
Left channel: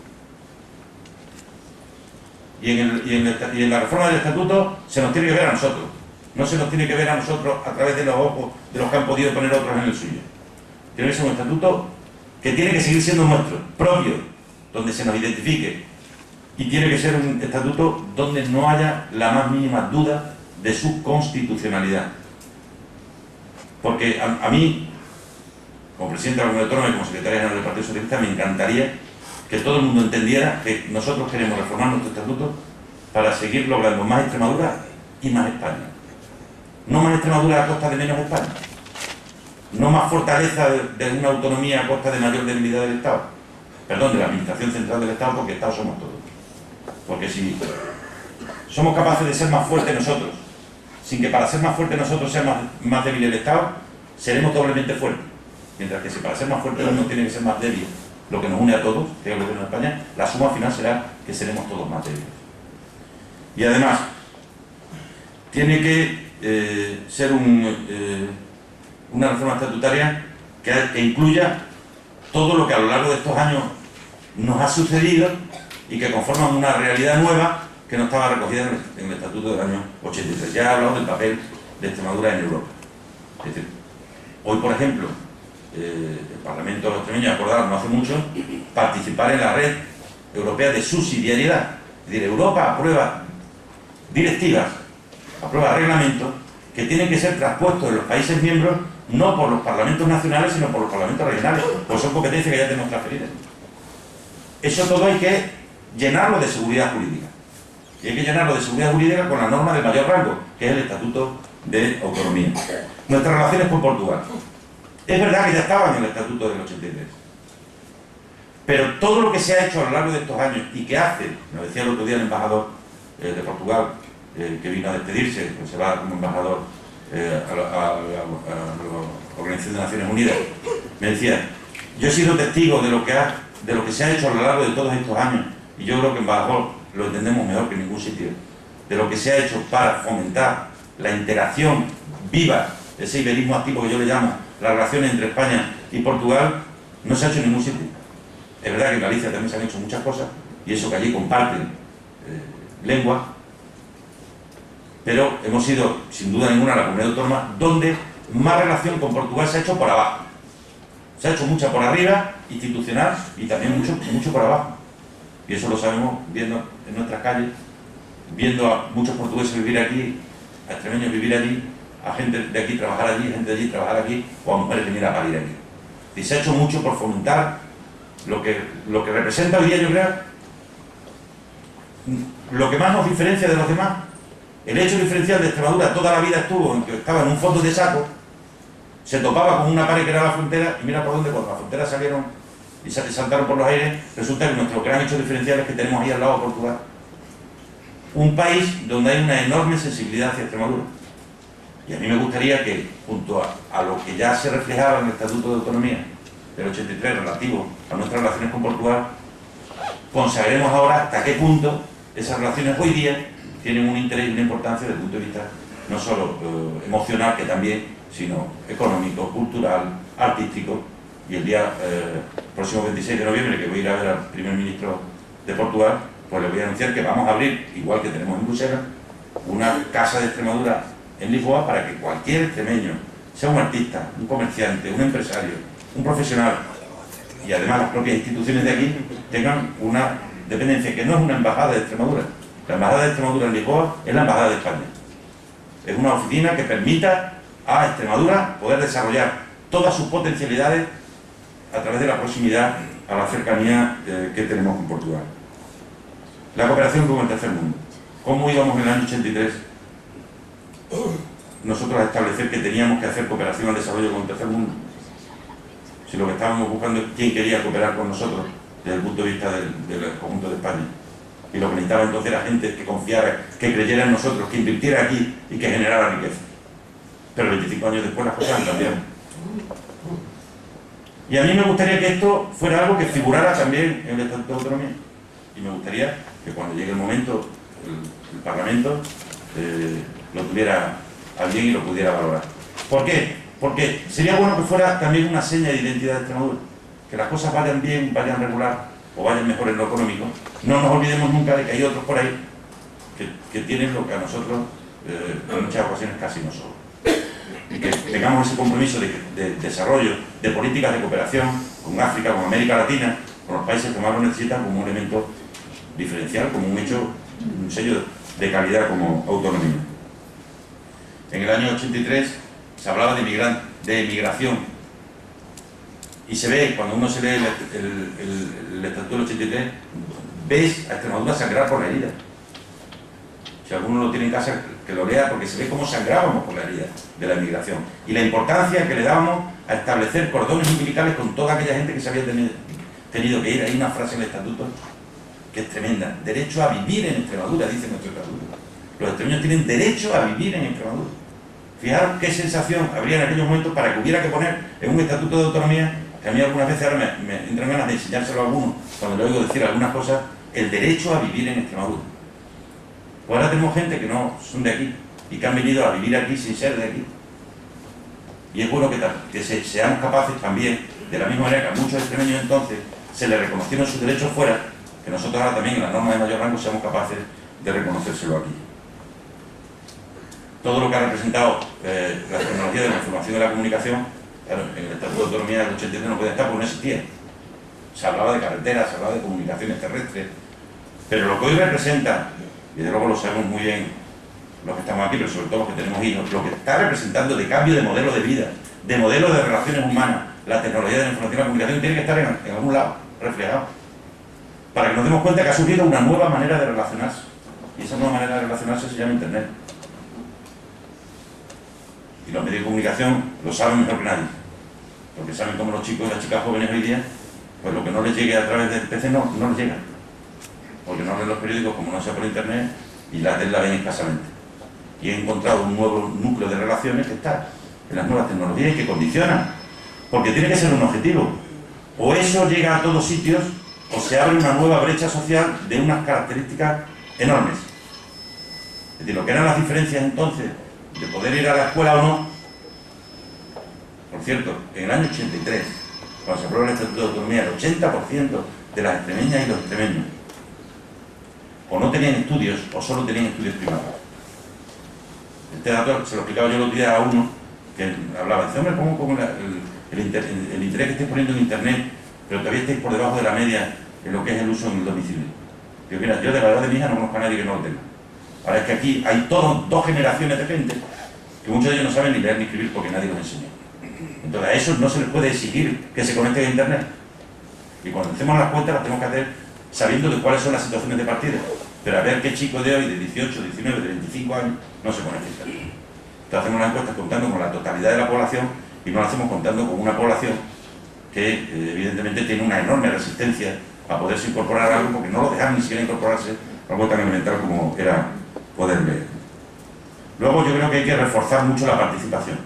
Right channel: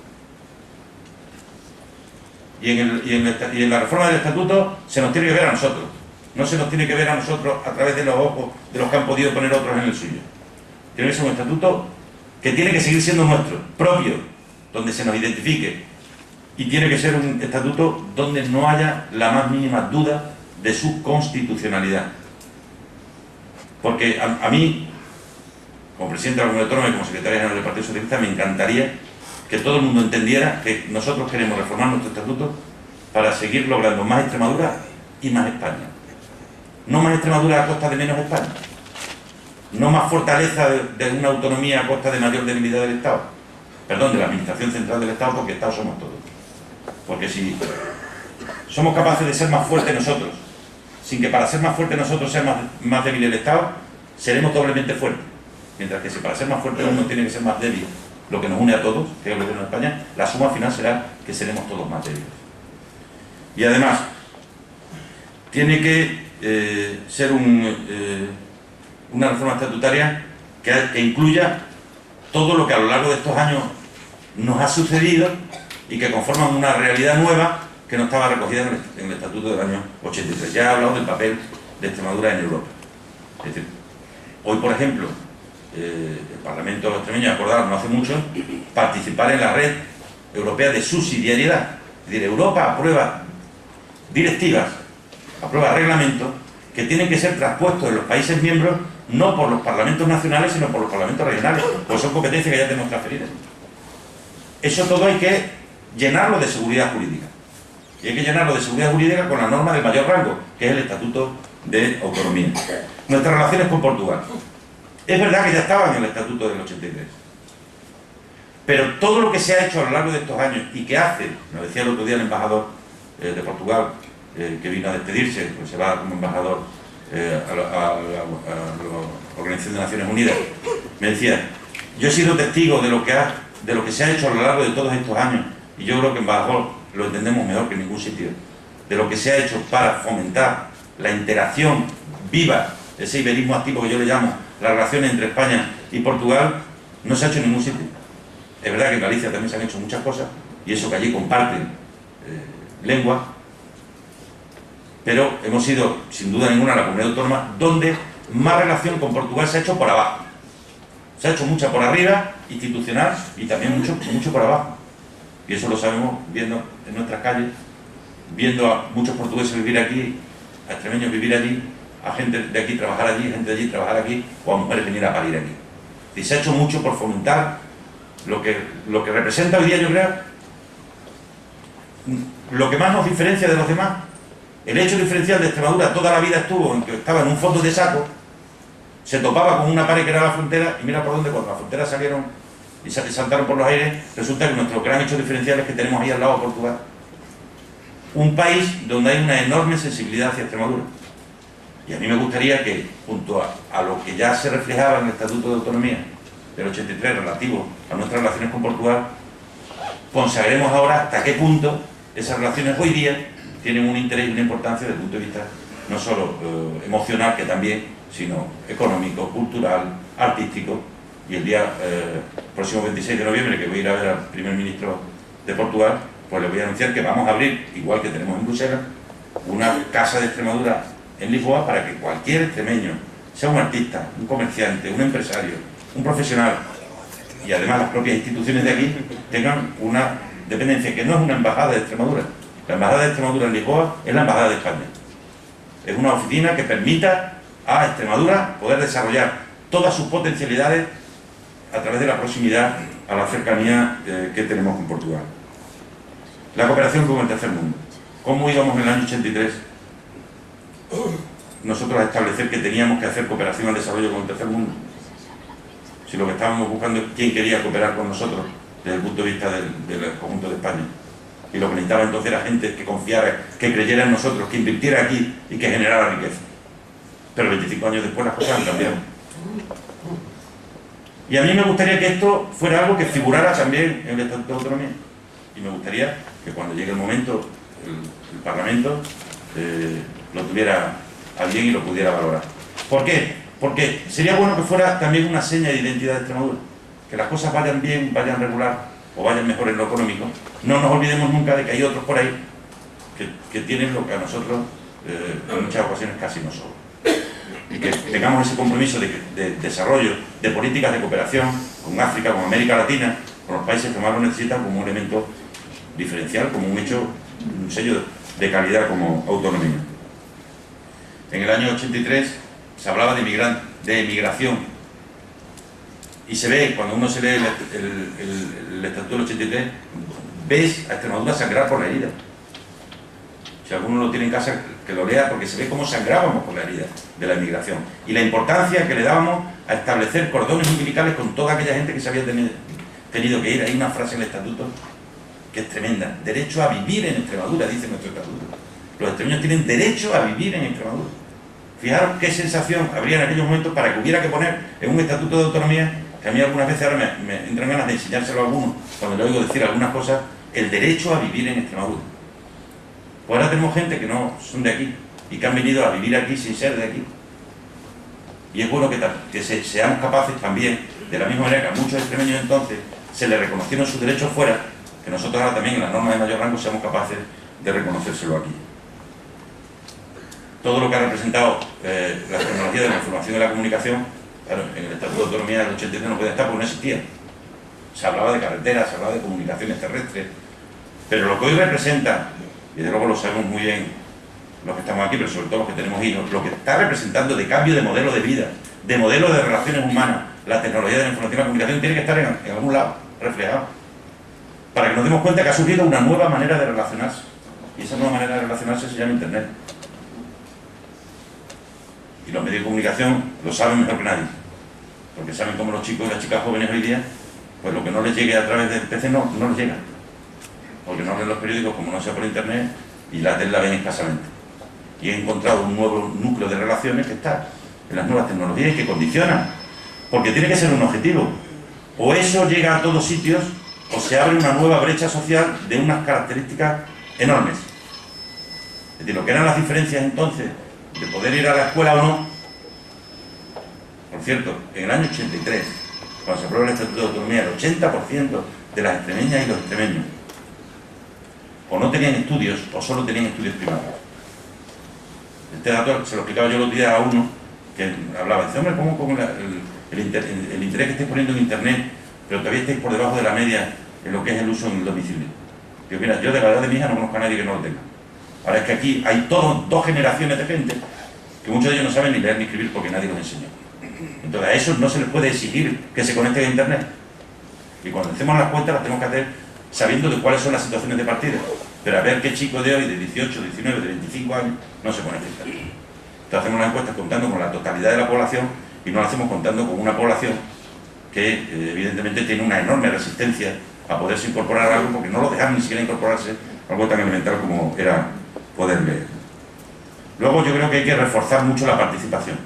Y en la reforma del estatuto se nos tiene que ver a nosotros, no se nos tiene que ver a nosotros a través de los ojos de los que han podido poner otros en el suyo. Tiene que ser un estatuto que tiene que seguir siendo nuestro, propio, donde se nos identifique, y tiene que ser un estatuto donde no haya la más mínima duda de su constitucionalidad. Porque a mí, como presidente de la Comunidad Autónoma y como secretario general del Partido Socialista, me encantaría que todo el mundo entendiera que nosotros queremos reformar nuestro estatuto para seguir logrando más Extremadura y más España. No más Extremadura a costa de menos España. No más fortaleza de una autonomía a costa de mayor debilidad del Estado. Perdón, de la Administración Central del Estado, porque Estado somos todos. Porque si somos capaces de ser más fuertes nosotros, sin que para ser más fuertes nosotros sea más débil el Estado, seremos doblemente fuertes. Mientras que si para ser más fuerte uno tiene que ser más débil, lo que nos une a todos, que es el gobierno de España, la suma final será que seremos todos más débiles. Y además, tiene que ser una reforma estatutaria que incluya todo lo que a lo largo de estos años nos ha sucedido y que conforman una realidad nueva que no estaba recogida en el Estatuto del año 83. Ya he hablado del papel de Extremadura en Europa. Es decir, hoy, por ejemplo, el Parlamento extremeño ha acordado no hace mucho participar en la red europea de subsidiariedad. Es decir, Europa aprueba directivas, aprueba reglamentos que tienen que ser traspuestos en los países miembros no por los parlamentos nacionales, sino por los parlamentos regionales, pues son competencias que ya tenemos transferidas. Eso todo hay que llenarlo de seguridad jurídica. Y hay que llenarlo de seguridad jurídica con la norma de mayor rango, que es el Estatuto de Autonomía. Nuestras relaciones con Portugal. Es verdad que ya estaban en el Estatuto del 83. Pero todo lo que se ha hecho a lo largo de estos años y que hace, nos decía el otro día el embajador de Portugal, que vino a despedirse, pues se va como embajador a la Organización de Naciones Unidas, me decía, yo he sido testigo de lo que se ha hecho a lo largo de todos estos años, y yo creo que embajador lo entendemos mejor que en ningún sitio, de lo que se ha hecho para fomentar la interacción viva, ese iberismo activo que yo le llamo, las relaciones entre España y Portugal, no se ha hecho en ningún sitio. Es verdad que en Galicia también se han hecho muchas cosas, y eso que allí comparten lengua, pero hemos sido, sin duda ninguna, la comunidad autónoma donde más relación con Portugal se ha hecho por abajo. Se ha hecho mucha por arriba, institucional, y también mucho por abajo. Y eso lo sabemos viendo en nuestras calles, viendo a muchos portugueses vivir aquí, a extremeños vivir allí, a gente de aquí trabajar allí, gente de allí trabajar aquí, o a mujeres venir a parir aquí. Y se ha hecho mucho por fomentar lo que representa hoy día, yo creo, lo que más nos diferencia de los demás. El hecho diferencial de Extremadura toda la vida estuvo en que estaba en un fondo de saco, se topaba con una pared que era la frontera, y mira por dónde, cuando las fronteras salieron y saltaron por los aires, resulta que nuestro gran hecho diferencial es que tenemos ahí al lado a Portugal. Un país donde hay una enorme sensibilidad hacia Extremadura. Y a mí me gustaría que, junto a lo que ya se reflejaba en el Estatuto de Autonomía del 83 relativo a nuestras relaciones con Portugal, consagremos ahora hasta qué punto esas relaciones hoy día tienen un interés y una importancia desde el punto de vista no solo emocional, que también, sino económico, cultural, artístico. Y el día próximo 26 de noviembre, que voy a ir a ver al primer ministro de Portugal, pues le voy a anunciar que vamos a abrir, igual que tenemos en Bruselas, una casa de Extremadura en Lisboa para que cualquier extremeño, sea un artista, un comerciante, un empresario, un profesional y además las propias instituciones de aquí tengan una dependencia que no es una embajada de Extremadura. La embajada de Extremadura en Lisboa es la embajada de España. Es una oficina que permita a Extremadura poder desarrollar todas sus potencialidades a través de la proximidad, a la cercanía que tenemos con Portugal. La cooperación con el tercer mundo. ¿Cómo íbamos en el año 83 nosotros a establecer que teníamos que hacer cooperación al desarrollo con el tercer mundo? Si lo que estábamos buscando es quién quería cooperar con nosotros desde el punto de vista del conjunto de España. Y lo que necesitaba entonces era gente que confiara, que creyera en nosotros, que invirtiera aquí y que generara riqueza. Pero 25 años después las cosas han cambiado. Y a mí me gustaría que esto fuera algo que figurara también en el Estatuto de Autonomía. Y me gustaría que cuando llegue el momento, el Parlamento lo tuviera a bien y lo pudiera valorar. ¿Por qué? Porque sería bueno que fuera también una seña de identidad de Extremadura. Que las cosas vayan bien, vayan regular o vayan mejor en lo económico. No nos olvidemos nunca de que hay otros por ahí que tienen lo que a nosotros en muchas ocasiones casi nos sobra. Y que tengamos ese compromiso de desarrollo de políticas de cooperación con África, con América Latina, con los países que más lo necesitan como un elemento diferencial, como un hecho, un sello de calidad como autonomía. En el año 83 se hablaba de emigración y se ve, cuando uno se lee el Estatuto del 83, ves a Extremadura sangrar por la herida. Si alguno lo tiene en casa, que lo lea, porque se ve cómo sangrábamos por la herida de la emigración y la importancia que le dábamos a establecer cordones umbilicales con toda aquella gente que se había tenido que ir. Hay una frase en el Estatuto que es tremenda: derecho a vivir en Extremadura, dice nuestro Estatuto. Los extremeños tienen derecho a vivir en Extremadura. Fijaros qué sensación habría en aquellos momentos para que hubiera que poner en un Estatuto de Autonomía, que a mí algunas veces ahora me entran ganas de enseñárselo a algunos, cuando le oigo decir algunas cosas, el derecho a vivir en Extremadura. Pues ahora tenemos gente que no son de aquí y que han venido a vivir aquí sin ser de aquí. Y es bueno que seamos capaces también, de la misma manera que a muchos extremeños entonces se les reconocieron sus derechos fuera, que nosotros ahora también en las normas de mayor rango seamos capaces de reconocérselo aquí. Todo lo que ha representado la tecnología de la información y la comunicación, claro, en el Estatuto de Autonomía del 83 no puede estar porque no existía. Se hablaba de carreteras, se hablaba de comunicaciones terrestres, pero lo que hoy representa, y desde luego lo sabemos muy bien los que estamos aquí, pero sobre todo los que tenemos hijos, lo que está representando de cambio de modelo de vida, de modelo de relaciones humanas, la tecnología de la información y la comunicación tiene que estar en algún lado, reflejado, para que nos demos cuenta que ha surgido una nueva manera de relacionarse, y esa nueva manera de relacionarse se llama Internet. Y los medios de comunicación lo saben mejor que nadie, porque saben cómo los chicos y las chicas jóvenes hoy día, pues lo que no les llegue a través del PC no les llega, porque no leen los periódicos como no sea por Internet y la tele la ven escasamente. Y he encontrado un nuevo núcleo de relaciones que está en las nuevas tecnologías y que condicionan, porque tiene que ser un objetivo. O eso llega a todos sitios, o se abre una nueva brecha social de unas características enormes. Es decir, lo que eran las diferencias entonces de poder ir a la escuela o no. Por cierto, en el año 83, cuando se aprueba el Estatuto de Autonomía, el 80% de las extremeñas y los extremeños o no tenían estudios o solo tenían estudios primarios. Este dato se lo explicaba yo el otro día a uno que hablaba, dice: hombre, ¿cómo el interés que estáis poniendo en Internet, pero todavía estáis por debajo de la media en lo que es el uso en el domicilio? Digo, mira, yo de la edad de mi hija no conozco a nadie que no lo tenga. Ahora es que aquí hay dos generaciones de gente que muchos de ellos no saben ni leer ni escribir porque nadie los enseñó. Entonces a esos no se les puede exigir que se conecten a Internet. Y cuando hacemos las cuentas las tenemos que hacer sabiendo de cuáles son las situaciones de partida. Pero a ver qué chico de hoy, de 18, 19, de 25 años, no se conecta a Internet. Entonces hacemos las encuestas contando con la totalidad de la población y no las hacemos contando con una población que evidentemente tiene una enorme resistencia a poderse incorporar a algo porque no lo dejan ni siquiera incorporarse a algo tan elemental como era poder leer. Luego yo creo que hay que reforzar mucho la participación.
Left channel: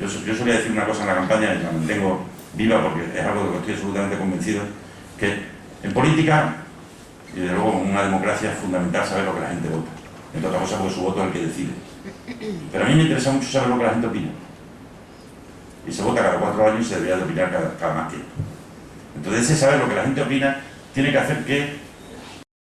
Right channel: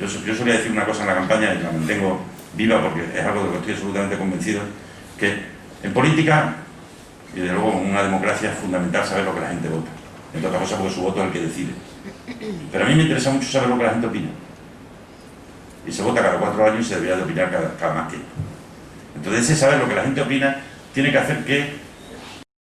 Yo solía decir una cosa en la campaña y la mantengo viva porque es algo de lo que estoy absolutamente convencido, que en política y desde luego en una democracia es fundamental saber lo que la gente vota, entre otras cosas porque su voto es el que decide. Pero a mí me interesa mucho saber lo que la gente opina, y se vota cada 4 años y se debería de opinar cada más tiempo. Entonces ese saber lo que la gente opina tiene que hacer que